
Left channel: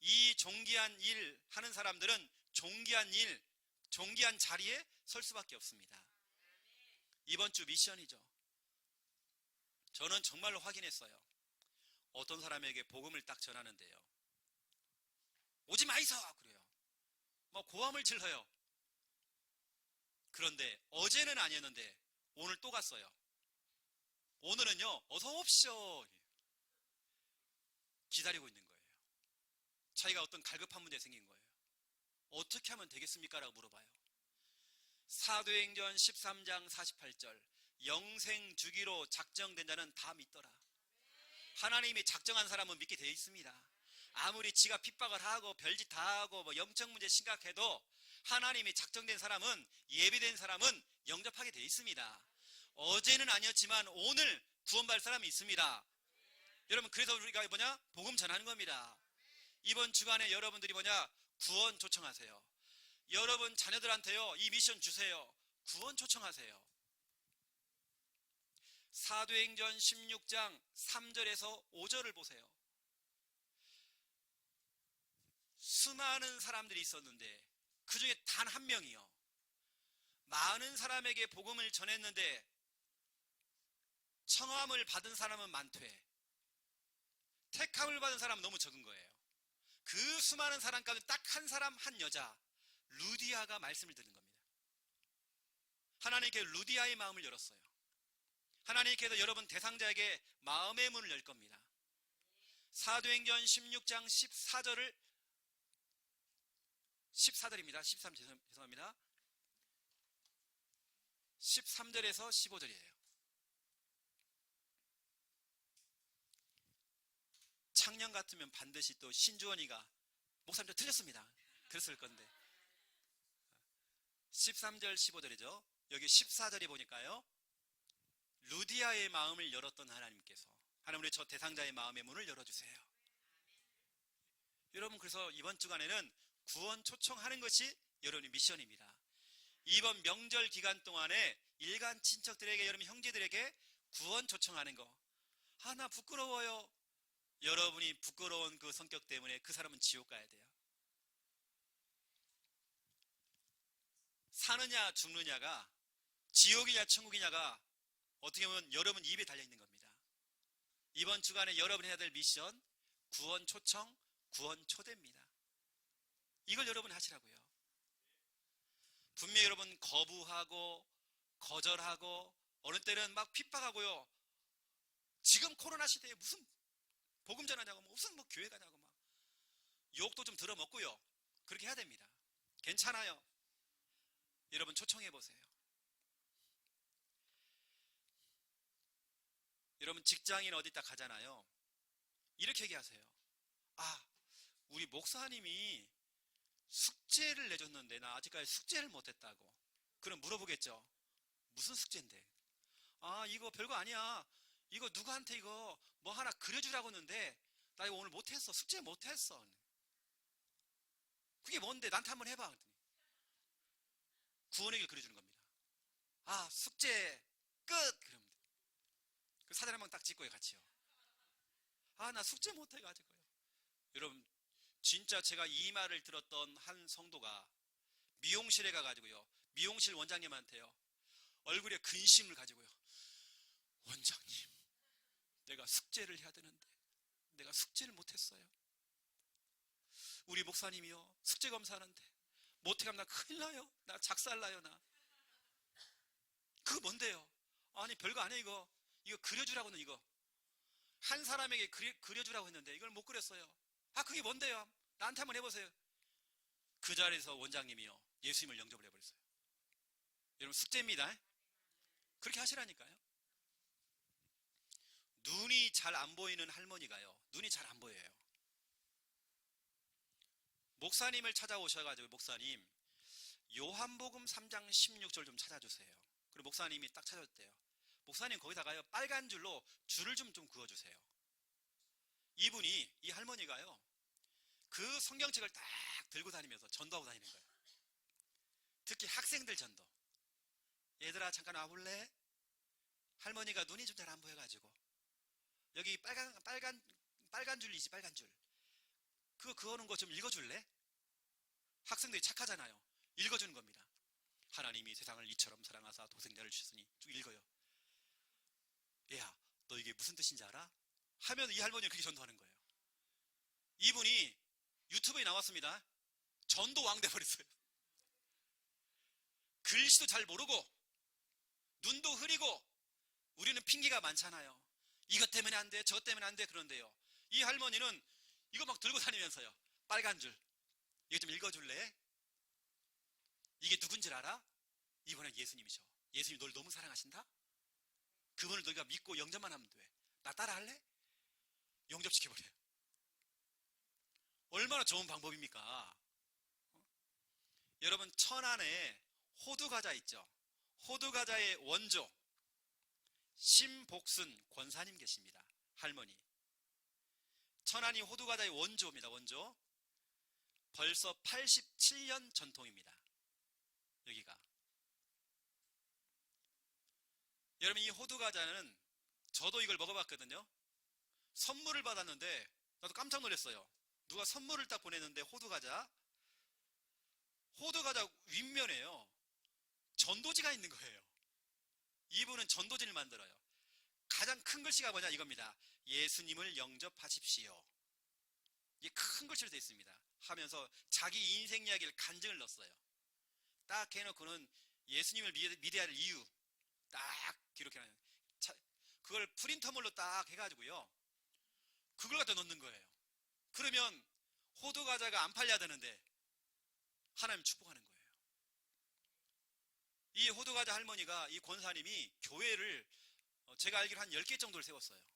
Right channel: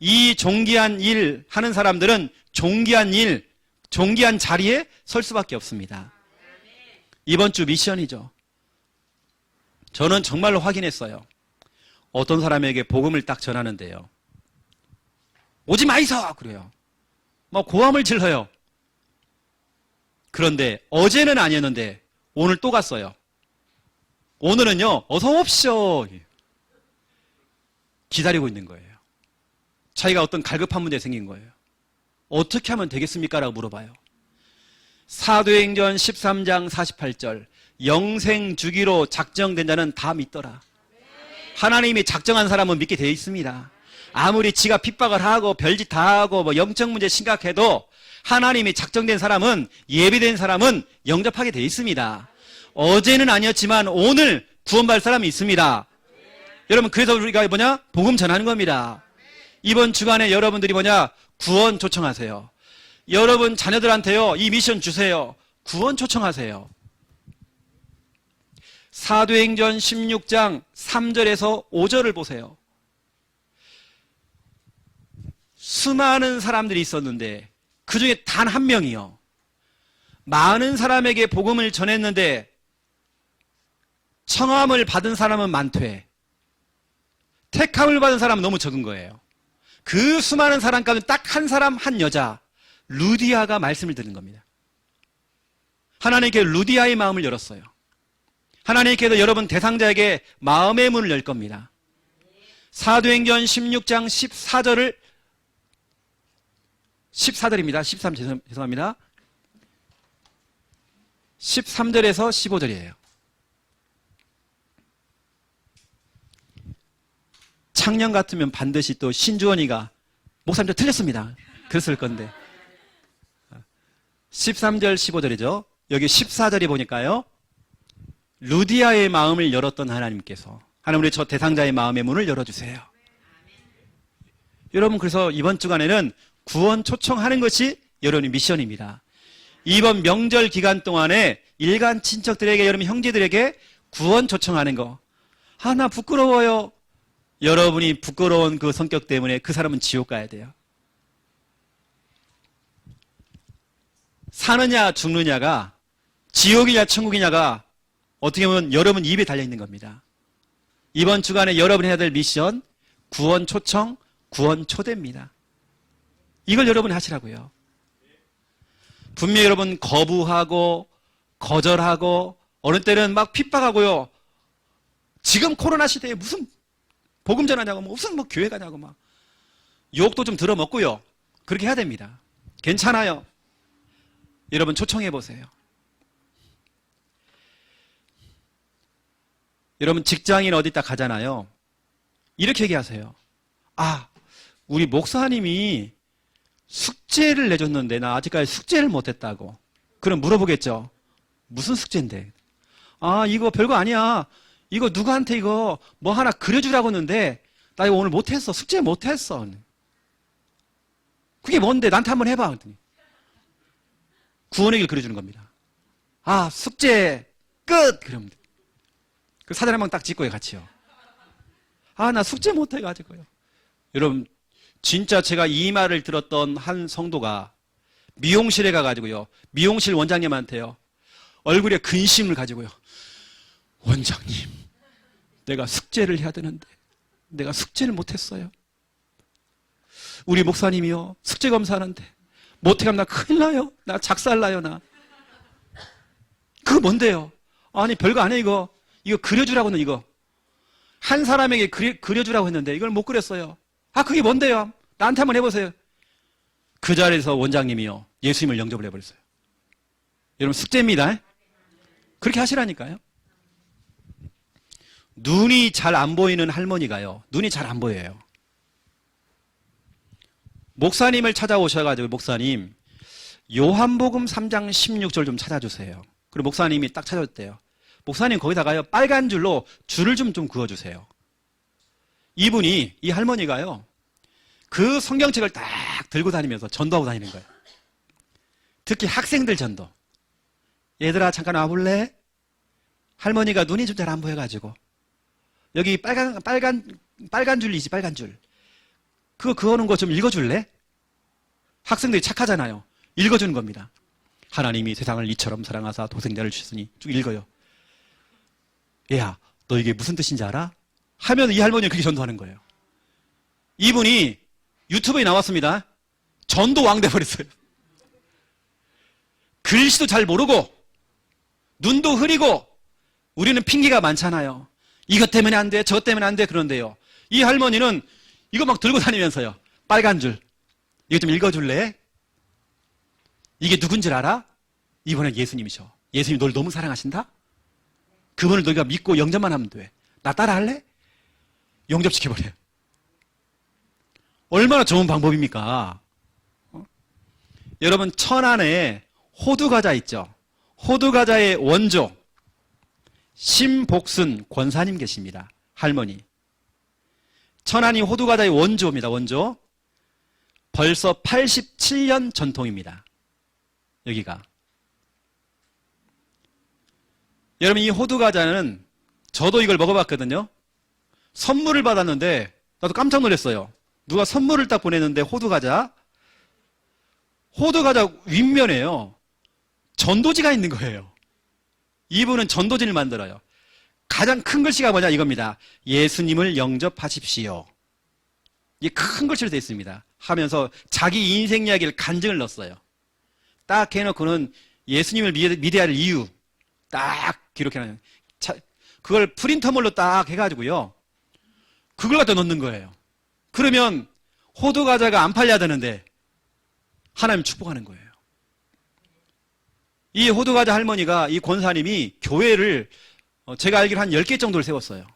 이 존귀한 일 하는 사람들은 존귀한 일, 존귀한 자리에 설 수밖에 없습니다. 이번 주 미션이죠. 저는 정말로 확인했어요. 어떤 사람에게 복음을 딱 전하는데요, 오지 마이소! 그래요. 막 고함을 질러요. 그런데 어제는 아니었는데 오늘 또 갔어요. 오늘은요, 어서 오십시오. 기다리고 있는 거예요. 자기가 어떤 갈급한 문제 생긴 거예요. 어떻게 하면 되겠습니까? 라고 물어봐요. 사도행전 13장 48절, 영생 주기로 작정된 자는 다 믿더라. 하나님이 작정한 사람은 믿게 되어 있습니다. 아무리 지가 핍박을 하고 별짓 다 하고 뭐 영적 문제 심각해도 하나님이 작정된 사람은, 예비된 사람은 영접하게 되어 있습니다. 어제는 아니었지만 오늘 구원받을 사람이 있습니다. 여러분, 그래서 우리가 뭐냐? 복음 전하는 겁니다. 이번 주간에 여러분들이 뭐냐? 구원 초청하세요. 여러분 자녀들한테요, 이 미션 주세요. 구원 초청하세요. 사도행전 16장 3절에서 5절을 보세요. 수많은 사람들이 있었는데 그 중에 단 한 명이요, 많은 사람에게 복음을 전했는데 청함을 받은 사람은 많되 택함을 받은 사람은 너무 적은 거예요. 그 수많은 사람 가운데 딱 한 사람, 한 여자, 루디아가 말씀을 듣는 겁니다. 하나님께 루디아의 마음을 열었어요. 하나님께서 여러분 대상자에게 마음의 문을 열 겁니다. 사도행전 16장 14절입니다. 13 죄송합니다. 13절에서 15절이에요. 작년 같으면 반드시 또 신주원이가 목사님 저 틀렸습니다 그랬을 건데, 13절 15절이죠. 여기 14절에 보니까요, 루디아의 마음을 열었던 하나님께서 하나님 우리 저 대상자의 마음의 문을 열어주세요. 여러분, 그래서 이번 주간에는 구원 초청하는 것이 여러분의 미션입니다. 이번 명절 기간 동안에 일간 친척들에게, 여러분 형제들에게 구원 초청하는 거. 아, 나 부끄러워요. 여러분이 부끄러운 그 성격 때문에 그 사람은 지옥 가야 돼요. 사느냐 죽느냐가, 지옥이냐 천국이냐가 어떻게 보면 여러분 입에 달려있는 겁니다. 이번 주간에 여러분이 해야 될 미션, 구원 초청, 구원 초대입니다. 이걸 여러분이 하시라고요. 분명히 여러분 거부하고 거절하고 어느 때는 막 핍박하고요. 지금 코로나 시대에 무슨 복음 전하냐고, 무슨 뭐 교회 가냐고 막 욕도 좀 들어먹고요. 그렇게 해야 됩니다. 괜찮아요. 여러분 초청해 보세요. 여러분 직장인 어디 딱 가잖아요. 이렇게 얘기하세요. 아, 우리 목사님이 숙제를 내줬는데 나 아직까지 숙제를 못했다고. 그럼 물어보겠죠. 무슨 숙제인데? 아, 이거 별거 아니야. 이거 누구한테 이거 뭐 하나 그려주라고 했는데 나 이거 오늘 못했어. 숙제 못했어. 그게 뭔데? 나한테 한번 해봐. 구원의 길 그려주는 겁니다. 아, 숙제 끝! 그러면 그 사진 한 번 딱 찍고요, 같이요. 아, 나 숙제 못해가지고요. 여러분, 진짜 제가 이 말을 들었던 한 성도가 미용실에 가가지고요, 미용실 원장님한테요, 얼굴에 근심을 가지고요, 원장님, 내가 숙제를 해야 되는데 내가 숙제를 못했어요. 우리 목사님이요, 숙제 검사하는데 못해가면 나 큰일 나요. 나 작살나요, 나. 그거 뭔데요? 아니, 별거 아니에요, 이거 그려주라고는, 이거 한 사람에게 그려주라고 했는데 이걸 못 그렸어요. 아, 그게 뭔데요? 나한테 한번 해보세요. 그 자리에서 원장님이요, 예수님을 영접을 해버렸어요. 여러분, 숙제입니다. 그렇게 하시라니까요. 눈이 잘 안 보이는 할머니가요, 눈이 잘 안 보여요. 목사님을 찾아오셔가지고, 목사님, 요한복음 3장 16절 좀 찾아주세요. 그리고 목사님이 딱 찾아줬대요. 목사님, 거기다가요, 빨간 줄로 줄을 좀 그어주세요. 이분이, 이 할머니가요, 그 성경책을 딱 들고 다니면서 전도하고 다니는 거예요. 특히 학생들 전도. 얘들아, 잠깐 와볼래? 할머니가 눈이 좀 잘 안 보여가지고 여기 빨간 줄이지, 빨간 줄. 그거 그어놓은 거 좀 읽어줄래? 학생들이 착하잖아요. 읽어주는 겁니다. 하나님이 세상을 이처럼 사랑하사 독생자를 주셨으니, 쭉 읽어요. 얘야, 너 이게 무슨 뜻인지 알아? 하면 이 할머니는 그렇게 전도하는 거예요. 이분이 유튜브에 나왔습니다. 전도 왕 돼버렸어요. 글씨도 잘 모르고 눈도 흐리고. 우리는 핑계가 많잖아요. 이것 때문에 안 돼, 저것 때문에 안 돼, 그런데요, 이 할머니는 이거 막 들고 다니면서요, 빨간 줄, 이거 좀 읽어줄래? 이게 누군 줄 알아? 이번엔 예수님이셔. 예수님이 널 너무 사랑하신다? 그분을 너희가 믿고 영접만 하면 돼. 나 따라 할래? 영접시켜버려요. 얼마나 좋은 방법입니까? 여러분, 천안에 호두과자 있죠? 호두과자의 원조 심복순 권사님 계십니다. 할머니. 천안이 호두과자의 원조입니다. 원조. 벌써 87년 전통입니다. 여기가. 여러분, 이 호두과자는 저도 이걸 먹어봤거든요. 선물을 받았는데 나도 깜짝 놀랐어요. 누가 선물을 딱 보냈는데 호두과자 윗면에요, 전도지가 있는 거예요. 이분은 전도지를 만들어요. 가장 큰 글씨가 뭐냐 이겁니다. 예수님을 영접하십시오. 이게 큰 글씨로 되어 있습니다. 하면서 자기 인생 이야기를 간증을 넣었어요. 딱 해놓고는 예수님을 믿어야 할 이유 딱 기록해놔요. 그걸 프린터물로 딱 해가지고요, 그걸 갖다 넣는 거예요. 그러면 호두과자가 안 팔려야 되는데 하나님 축복하는 거예요. 이 호두과자 할머니가, 이 권사님이 교회를 제가 알기로 한 10개 정도를 세웠어요.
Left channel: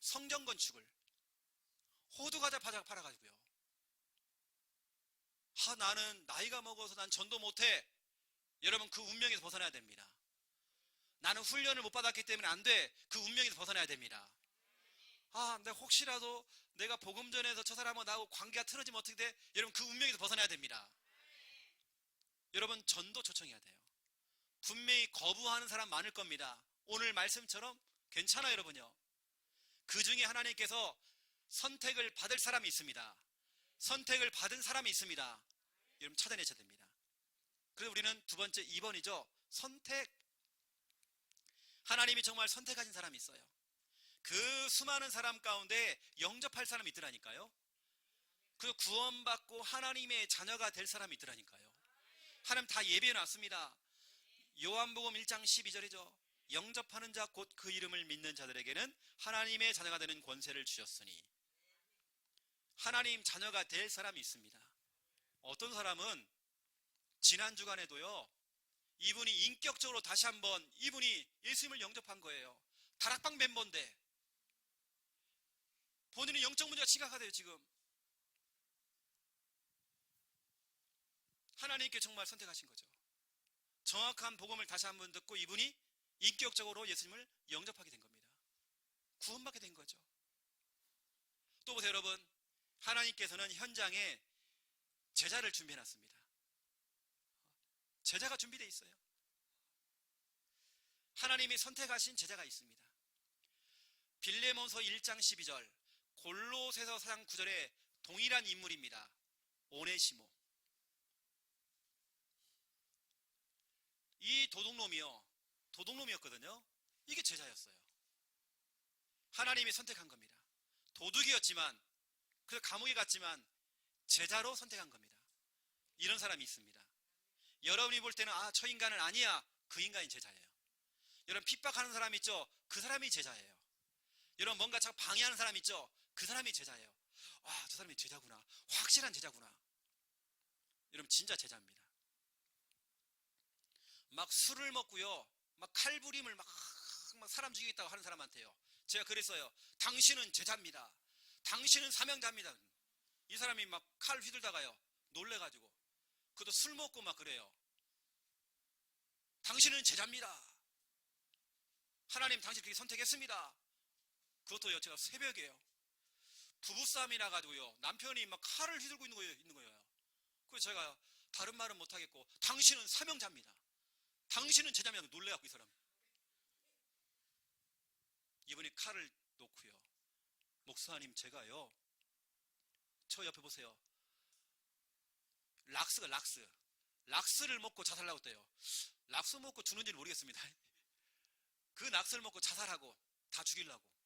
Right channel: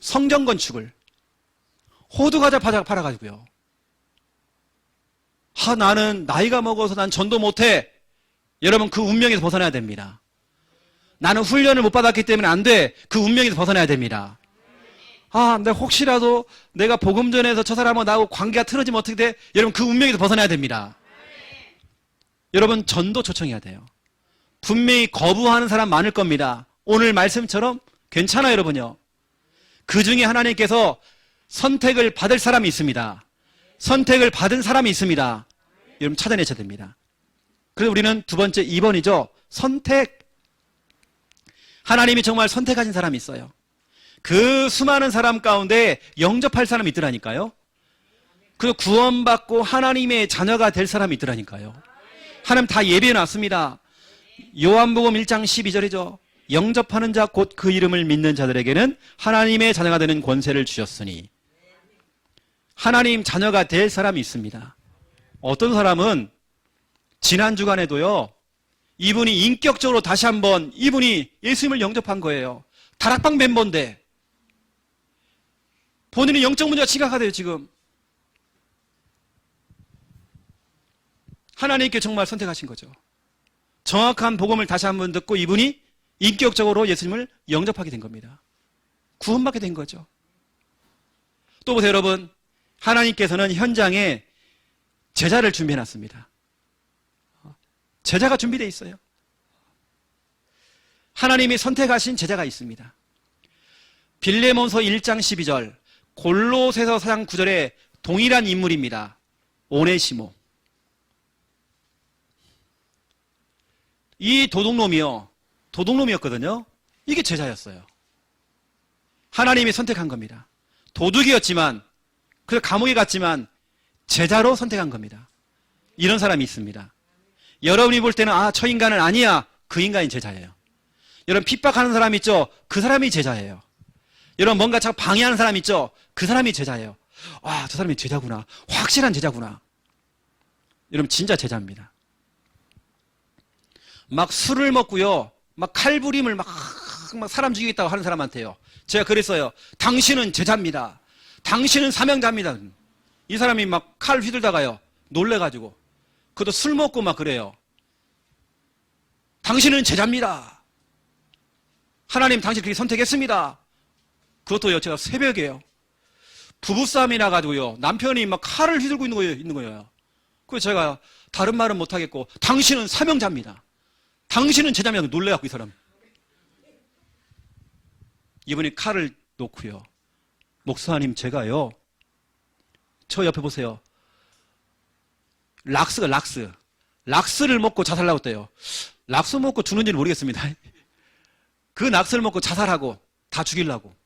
성전 건축을 호두과자 팔아가지고요. 나는 나이가 먹어서 난 전도 못해. 여러분, 그 운명에서 벗어나야 됩니다. 나는 훈련을 못 받았기 때문에 안 돼. 그 운명에서 벗어나야 됩니다. 근데 혹시라도 내가 복음 전에서 저 사람하고 나하고 관계가 틀어지면 어떻게 돼? 여러분, 그 운명에서 벗어나야 됩니다. 여러분, 전도 초청해야 돼요. 분명히 거부하는 사람 많을 겁니다. 오늘 말씀처럼 괜찮아요, 여러분요. 그 중에 하나님께서 선택을 받을 사람이 있습니다. 선택을 받은 사람이 있습니다. 여러분, 찾아내셔야 됩니다. 그래서 우리는 두 번째 2번이죠. 선택. 하나님이 정말 선택하신 사람이 있어요. 그 수많은 사람 가운데 영접할 사람이 있더라니까요. 그 구원받고 하나님의 자녀가 될 사람이 있더라니까요. 하나님 다 예비해놨습니다. 요한복음 1장 12절이죠. 영접하는 자 곧 그 이름을 믿는 자들에게는 하나님의 자녀가 되는 권세를 주셨으니. 하나님 자녀가 될 사람이 있습니다. 어떤 사람은 지난 주간에도요, 이분이 인격적으로 다시 한번 이분이 예수님을 영접한 거예요. 다락방 멤버인데 본인이 영적 문제가 심각하대요. 지금 하나님께 정말 선택하신 거죠. 정확한 복음을 다시 한번 듣고 이분이 인격적으로 예수님을 영접하게 된 겁니다. 구원받게 된 거죠. 또 보세요, 여러분. 하나님께서는 현장에 제자를 준비해놨습니다. 제자가 준비되어 있어요. 하나님이 선택하신 제자가 있습니다. 빌레몬서 1장 12절, 골로새서 4장 9절에 동일한 인물입니다. 오네시모. 이 도둑놈이었거든요. 이게 제자였어요. 하나님이 선택한 겁니다. 도둑이었지만, 그래서 감옥에 갔지만 제자로 선택한 겁니다. 이런 사람이 있습니다. 여러분이 볼 때는 저 인간은 아니야. 그 인간이 제자예요. 여러분, 핍박하는 사람 있죠? 그 사람이 제자예요. 여러분, 뭔가 자꾸 방해하는 사람 있죠? 그 사람이 제자예요. 저 사람이 제자구나. 확실한 제자구나. 여러분, 진짜 제자입니다. 막 술을 먹고요, 막 칼부림을 막 사람 죽이겠다고 하는 사람한테요, 제가 그랬어요. 당신은 제자입니다. 당신은 사명자입니다. 이 사람이 막 칼 휘둘다가요, 놀래가지고. 그것도 술 먹고 막 그래요. 당신은 제자입니다. 하나님 당신 그렇게 선택했습니다. 그것도요, 제가 새벽에요, 부부싸움이 나가지고요, 남편이 막 칼을 휘둘고 있는 거예요. 그래서 제가 다른 말은 못하겠고, 당신은 사명자입니다. 당신은 제자입니다. 놀래갖고 이 사람. 이분이 칼을 놓고요, 목사님, 제가요, 저 옆에 보세요. 락스를 먹고 자살하고 있대요. 락스 먹고 죽는지는 모르겠습니다. 그 락스를 먹고 자살하고 다 죽이려고.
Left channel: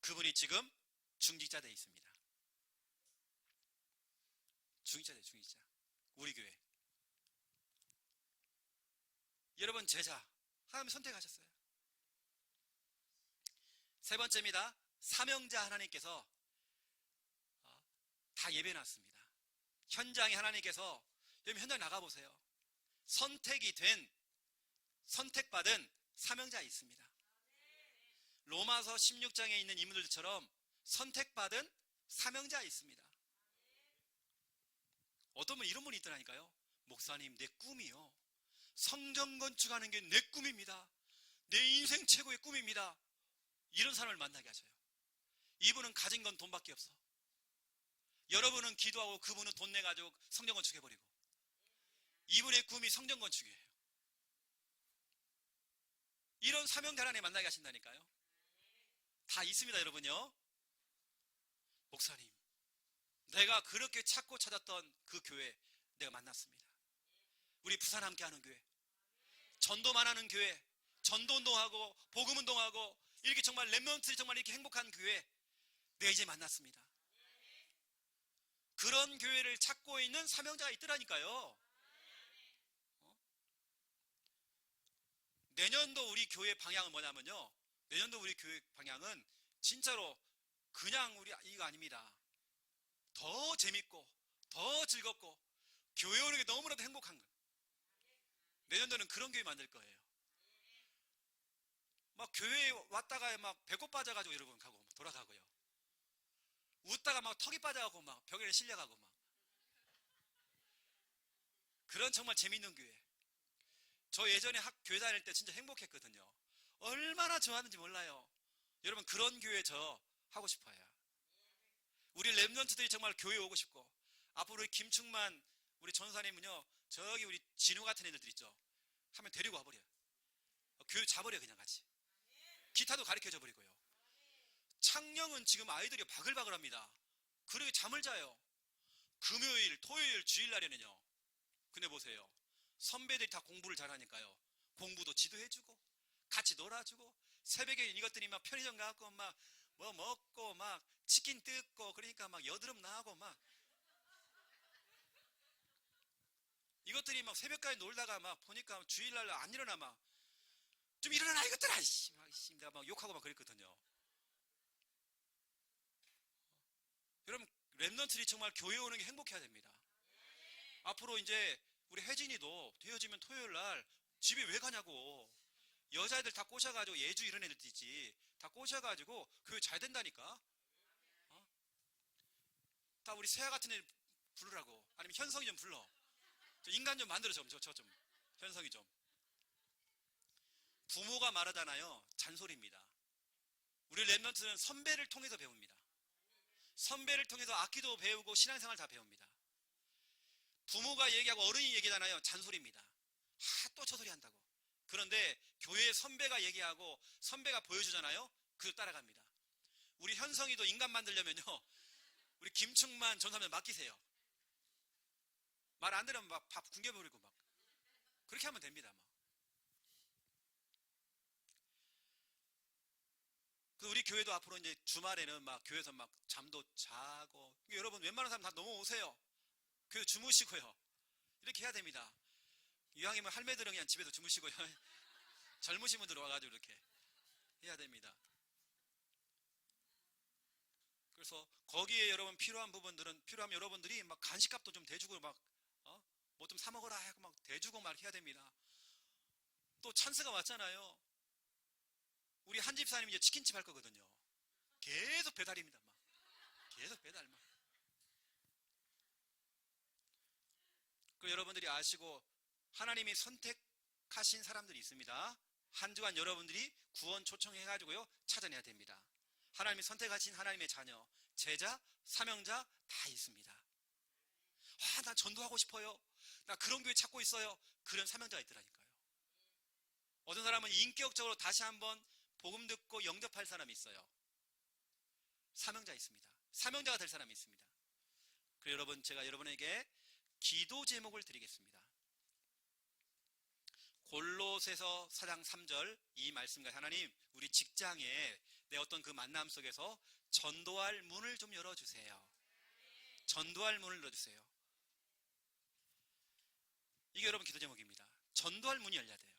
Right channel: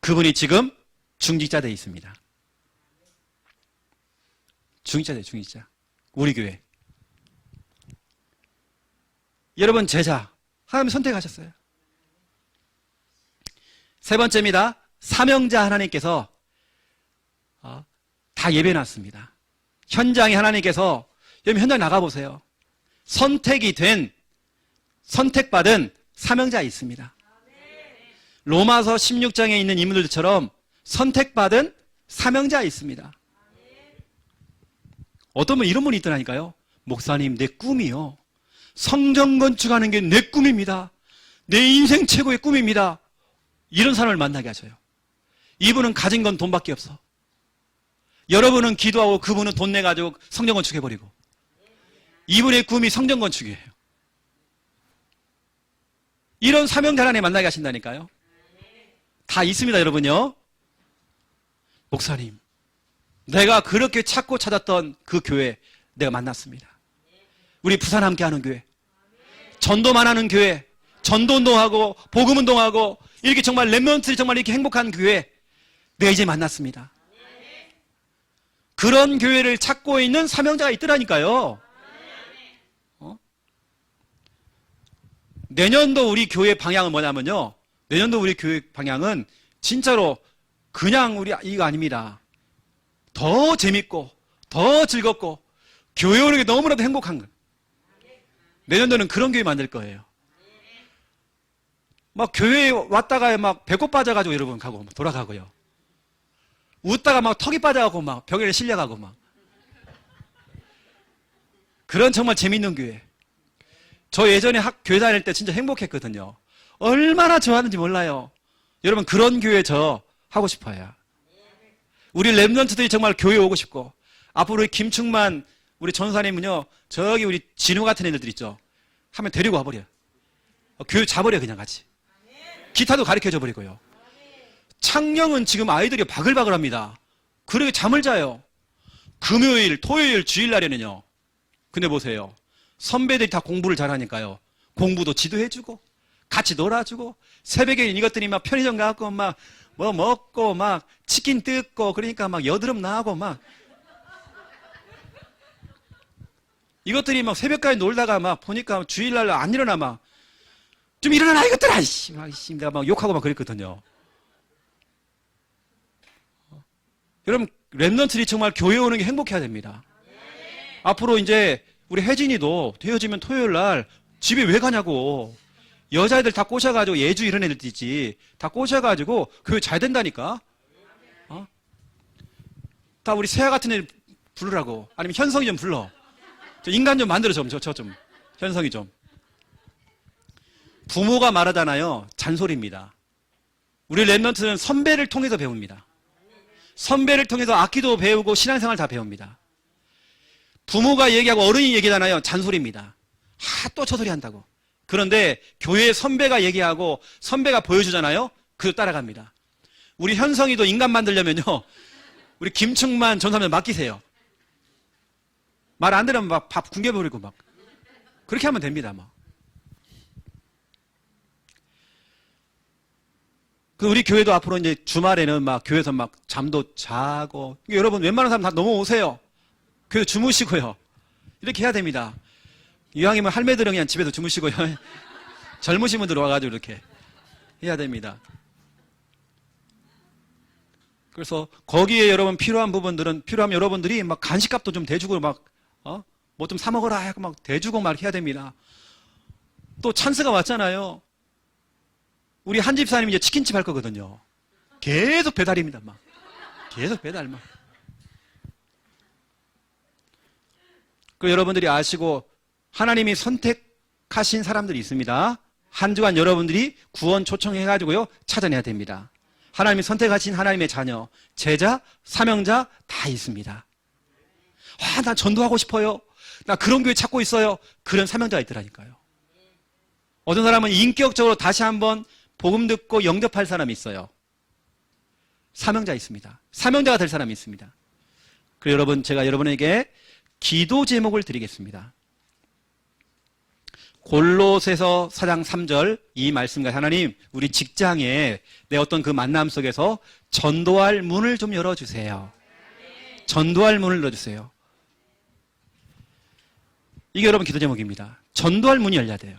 그분이 지금 중직자대에 있습니다. 중직자. 우리 교회. 여러분, 제자. 하나님 선택하셨어요. 세 번째입니다. 사명자. 하나님께서 다 예배해놨습니다. 현장에 하나님께서, 여러분 현장 나가보세요. 선택받은 사명자 있습니다. 로마서 16장에 있는 인물들처럼 선택받은 사명자 있습니다. 어떤 분 이런 분이 있더라니까요. 목사님, 내 꿈이요. 성전 건축하는 게 내 꿈입니다. 내 인생 최고의 꿈입니다. 이런 사람을 만나게 하셔요. 이분은 가진 건 돈밖에 없어. 여러분은 기도하고 그분은 돈 내가지고 성전 건축해버리고. 이분의 꿈이 성전 건축이에요. 이런 사명자 안에 만나게 하신다니까요. 다 있습니다, 여러분요. 목사님, 내가 그렇게 찾고 찾았던 그 교회 내가 만났습니다. 우리 부산 함께하는 교회, 전도만 하는 교회, 전도운동하고 복음운동하고 이렇게 정말 렘넌트들이 정말 이렇게 행복한 교회 내가 이제 만났습니다. 그런 교회를 찾고 있는 사명자가 있더라니까요. 내년도 우리 교회 방향은 뭐냐면요, 내년도 우리 교회 방향은 진짜로 그냥 우리 이거 아닙니다. 더 재밌고 더 즐겁고 교회 오는 게 너무나도 행복한 거. 내년도는 그런 교회 만들 거예요. 막 교회에 왔다가 막 배꼽 빠져가지고 여러분 가고 돌아가고요. 웃다가 막 턱이 빠져가고 막 벽에 실려가고 막. 그런 정말 재밌는 교회. 저 예전에 교회 다닐 때 진짜 행복했거든요. 얼마나 좋아하는지 몰라요. 여러분 그런 교회 저 하고 싶어요. 우리 렘넌트들이 정말 교회 오고 싶고, 앞으로 우리 김충만 우리 전사님은요, 저기 우리 진우 같은 애들 있죠. 하면 데리고 와버려. 교회 자버려 그냥 같이. 기타도 가르쳐줘 버리고요. 창녕은 지금 아이들이 바글바글합니다. 그러게 잠을 자요. 금요일, 토요일, 주일날에는요. 근데 보세요. 선배들이 다 공부를 잘하니까요. 공부도 지도해주고 같이 놀아주고, 새벽에 이것들이 막 편의점 가고 막 뭐 먹고 막 치킨 뜯고, 그러니까 막 여드름 나고 막 이것들이 막 새벽까지 놀다가 막 보니까 주일날 안 일어나 막 좀 일어나라 이것들아 이씨 막 내가 막 욕하고 막 그랬거든요. 여러분 렘넌트들이 정말 교회 오는 게 행복해야 됩니다. 앞으로 이제 우리 혜진이도 헤어지면 토요일날 집에 왜 가냐고. 여자애들 다 꼬셔가지고, 예주 이런 애들 있지, 다 꼬셔가지고 교회 잘 된다니까. 다 우리 세아 같은 애들 부르라고. 아니면 현성이 좀 불러. 저 인간 좀 만들어 좀, 저 좀 현성이 좀. 부모가 말하잖아요. 잔소리입니다. 우리 렘넌트는 선배를 통해서 배웁니다. 선배를 통해서 악기도 배우고 신앙생활 다 배웁니다. 부모가 얘기하고 어른이 얘기하잖아요. 잔소리입니다. 또 저 소리 한다고. 그런데 교회 선배가 얘기하고 선배가 보여주잖아요. 그거 따라갑니다. 우리 현성이도 인간 만들려면요, 우리 김충만 전사님 맡기세요. 말 안 들으면 막 밥 굶겨버리고 막 그렇게 하면 됩니다. 막. 그 우리 교회도 앞으로 이제 주말에는 막 교회에서 막 잠도 자고, 여러분 웬만한 사람 다 넘어오세요. 교회 주무시고요. 이렇게 해야 됩니다. 이왕이면 할매들은 그냥 집에서 주무시고요. 젊으신 분들 와가지고 이렇게 해야 됩니다. 그래서 거기에 여러분 필요한 부분들은, 필요하면 여러분들이 막 간식값도 좀 대주고 막, 뭐 좀 사먹어라 하고 막 대주고 막 해야 됩니다. 또 찬스가 왔잖아요. 우리 한 집사님이 이제 치킨집 할 거거든요. 계속 배달입니다. 막. 계속 배달 막. 그 여러분들이 아시고, 하나님이 선택하신 사람들이 있습니다. 한 주간 여러분들이 구원 초청해가지고요, 찾아내야 됩니다. 하나님이 선택하신 하나님의 자녀, 제자, 사명자 다 있습니다. 나 전도하고 싶어요. 나 그런 교회 찾고 있어요. 그런 사명자가 있더라니까요. 어떤 사람은 인격적으로 다시 한번 복음 듣고 영접할 사람이 있어요. 사명자 있습니다. 사명자가 될 사람이 있습니다. 그리고 여러분, 제가 여러분에게 기도 제목을 드리겠습니다. 골로새서 4장 3절 이 말씀과, 하나님 우리 직장에 내 어떤 그 만남 속에서 전도할 문을 좀 열어주세요. 전도할 문을 열어주세요. 이게 여러분 기도 제목입니다. 전도할 문이 열려야 돼요.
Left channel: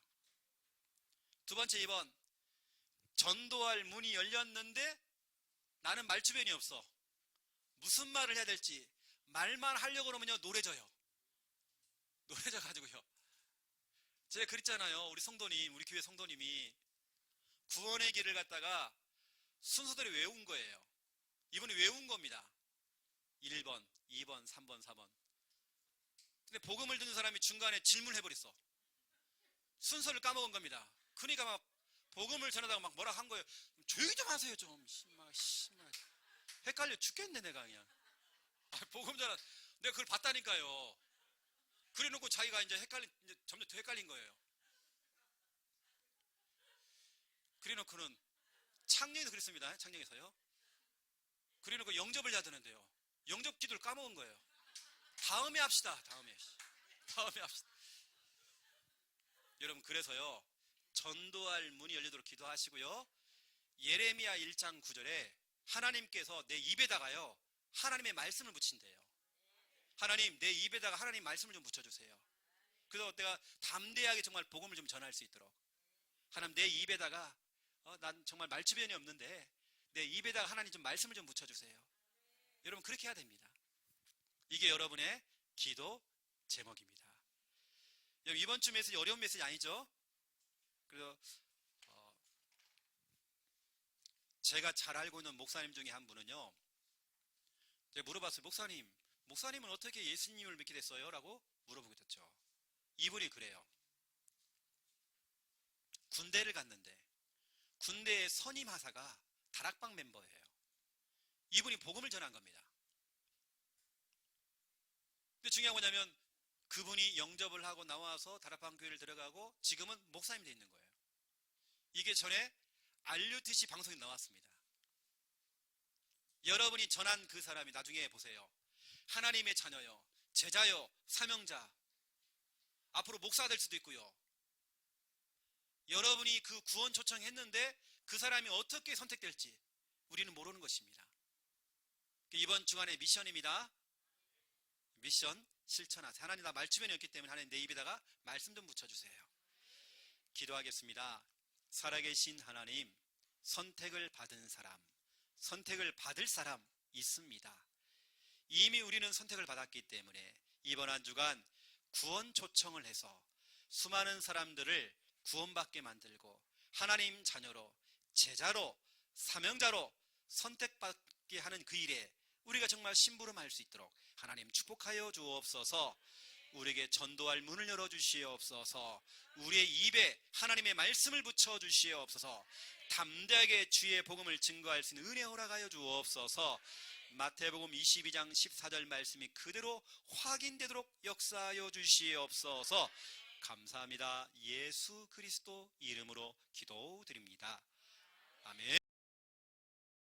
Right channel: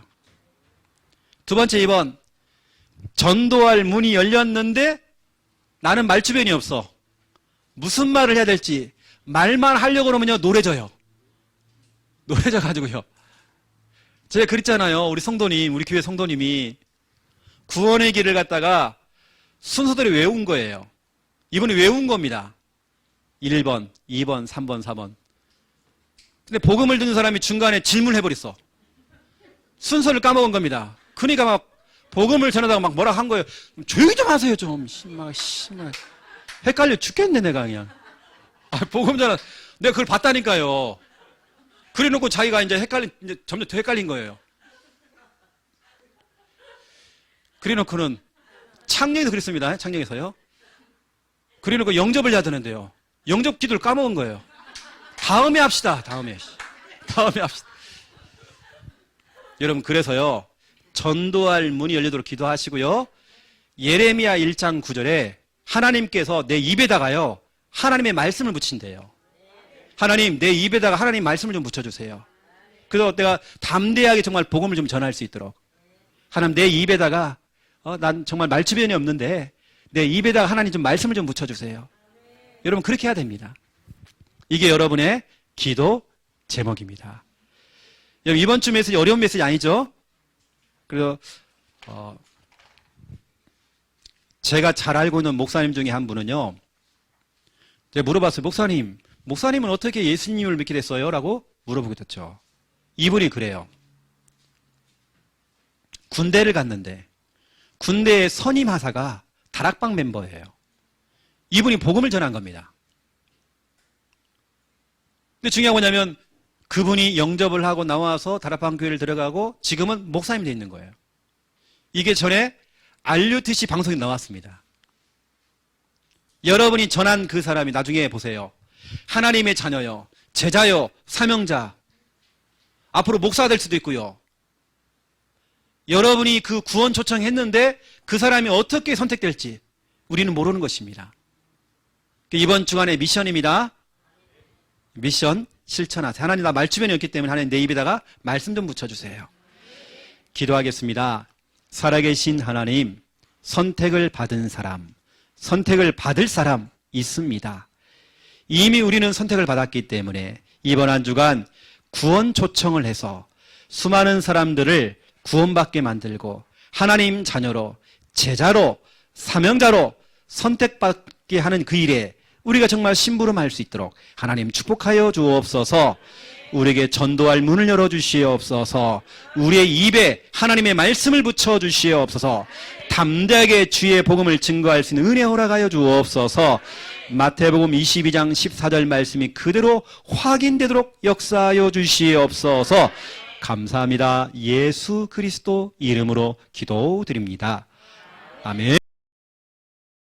두 번째, 2번, 전도할 문이 열렸는데 나는 말주변이 없어. 무슨 말을 해야 될지, 말만 하려고 그러면요 노래져요. 노래져 가지고요. 제가 그랬잖아요. 우리 성도님, 우리 교회 성도님이 구원의 길을 갖다가 순서대로 외운 거예요. 이분이 외운 겁니다. 1번, 2번, 3번, 4번. 근데 복음을 듣는 사람이 중간에 질문해버렸어. 순서를 까먹은 겁니다. 그러니까 막 복음을 전하다가 막 뭐라 한 거예요. 조용히 좀 하세요, 좀. 심막. 헷갈려 죽겠네, 내가 그냥. 복음 전하, 내가 그걸 봤다니까요. 그래 놓고 자기가 이제 점점 더 헷갈린 거예요. 그래 놓고는 창녕에서 그랬습니다. 창녕에서요. 그래 놓고 영접을 해야 되는데요. 영접 기도를 까먹은 거예요. 다음에 합시다. 다음에 합시다. 여러분, 그래서요, 전도할 문이 열리도록 기도하시고요. 예레미야 1장 9절에 하나님께서 내 입에다가요, 하나님의 말씀을 붙인대요. 하나님, 내 입에다가 하나님 말씀을 좀 붙여주세요. 그래서 내가 담대하게 정말 복음을 좀 전할 수 있도록. 하나님, 내 입에다가, 난 정말 말주변이 없는데, 내 입에다가 하나님 좀 말씀을 좀 붙여주세요. 여러분, 그렇게 해야 됩니다. 이게 여러분의 기도 제목입니다. 여러분, 이번 주 메시지 어려운 메시지 아니죠? 그래서 제가 잘 알고 있는 목사님 중에 한 분은요, 제가 물어봤어요. 목사님은 어떻게 예수님을 믿게 됐어요? 라고 물어보게 됐죠. 이분이 그래요. 군대를 갔는데 군대의 선임 하사가 다락방 멤버예요. 이분이 복음을 전한 겁니다. 근데 중요한 건 뭐냐면 그분이 영접을 하고 나와서 다락방 교회를 들어가고 지금은 목사님이 되어 있는 거예요. 이게 전에 RUTC 방송에 나왔습니다. 여러분이 전한 그 사람이 나중에 보세요. 하나님의 자녀요, 제자요, 사명자, 앞으로 목사가 될 수도 있고요. 여러분이 그 구원 초청했는데 그 사람이 어떻게 선택될지 우리는 모르는 것입니다. 이번 주간의 미션입니다. 미션 실천하세요. 하나님, 나 말주변이 없기 때문에 하나님 내 입에다가 말씀 좀 붙여주세요. 기도하겠습니다. 살아계신 하나님, 선택을 받은 사람, 선택을 받을 사람 있습니다. 이미 우리는 선택을 받았기 때문에 이번 한 주간 구원 초청을 해서 수많은 사람들을 구원받게 만들고 하나님 자녀로, 제자로, 사명자로 선택받게 하는 그 일에 우리가 정말 심부름할 수 있도록 하나님 축복하여 주옵소서. 우리에게 전도할 문을 열어주시옵소서. 우리의 입에 하나님의 말씀을 붙여주시옵소서. 담대하게 주의 복음을 증거할 수 있는 은혜 허락하여 주옵소서. 마태복음 22장 14절 말씀이 그대로 확인되도록 역사하여 주시옵소서. 감사합니다. 예수 그리스도 이름으로 기도드립니다. 아멘.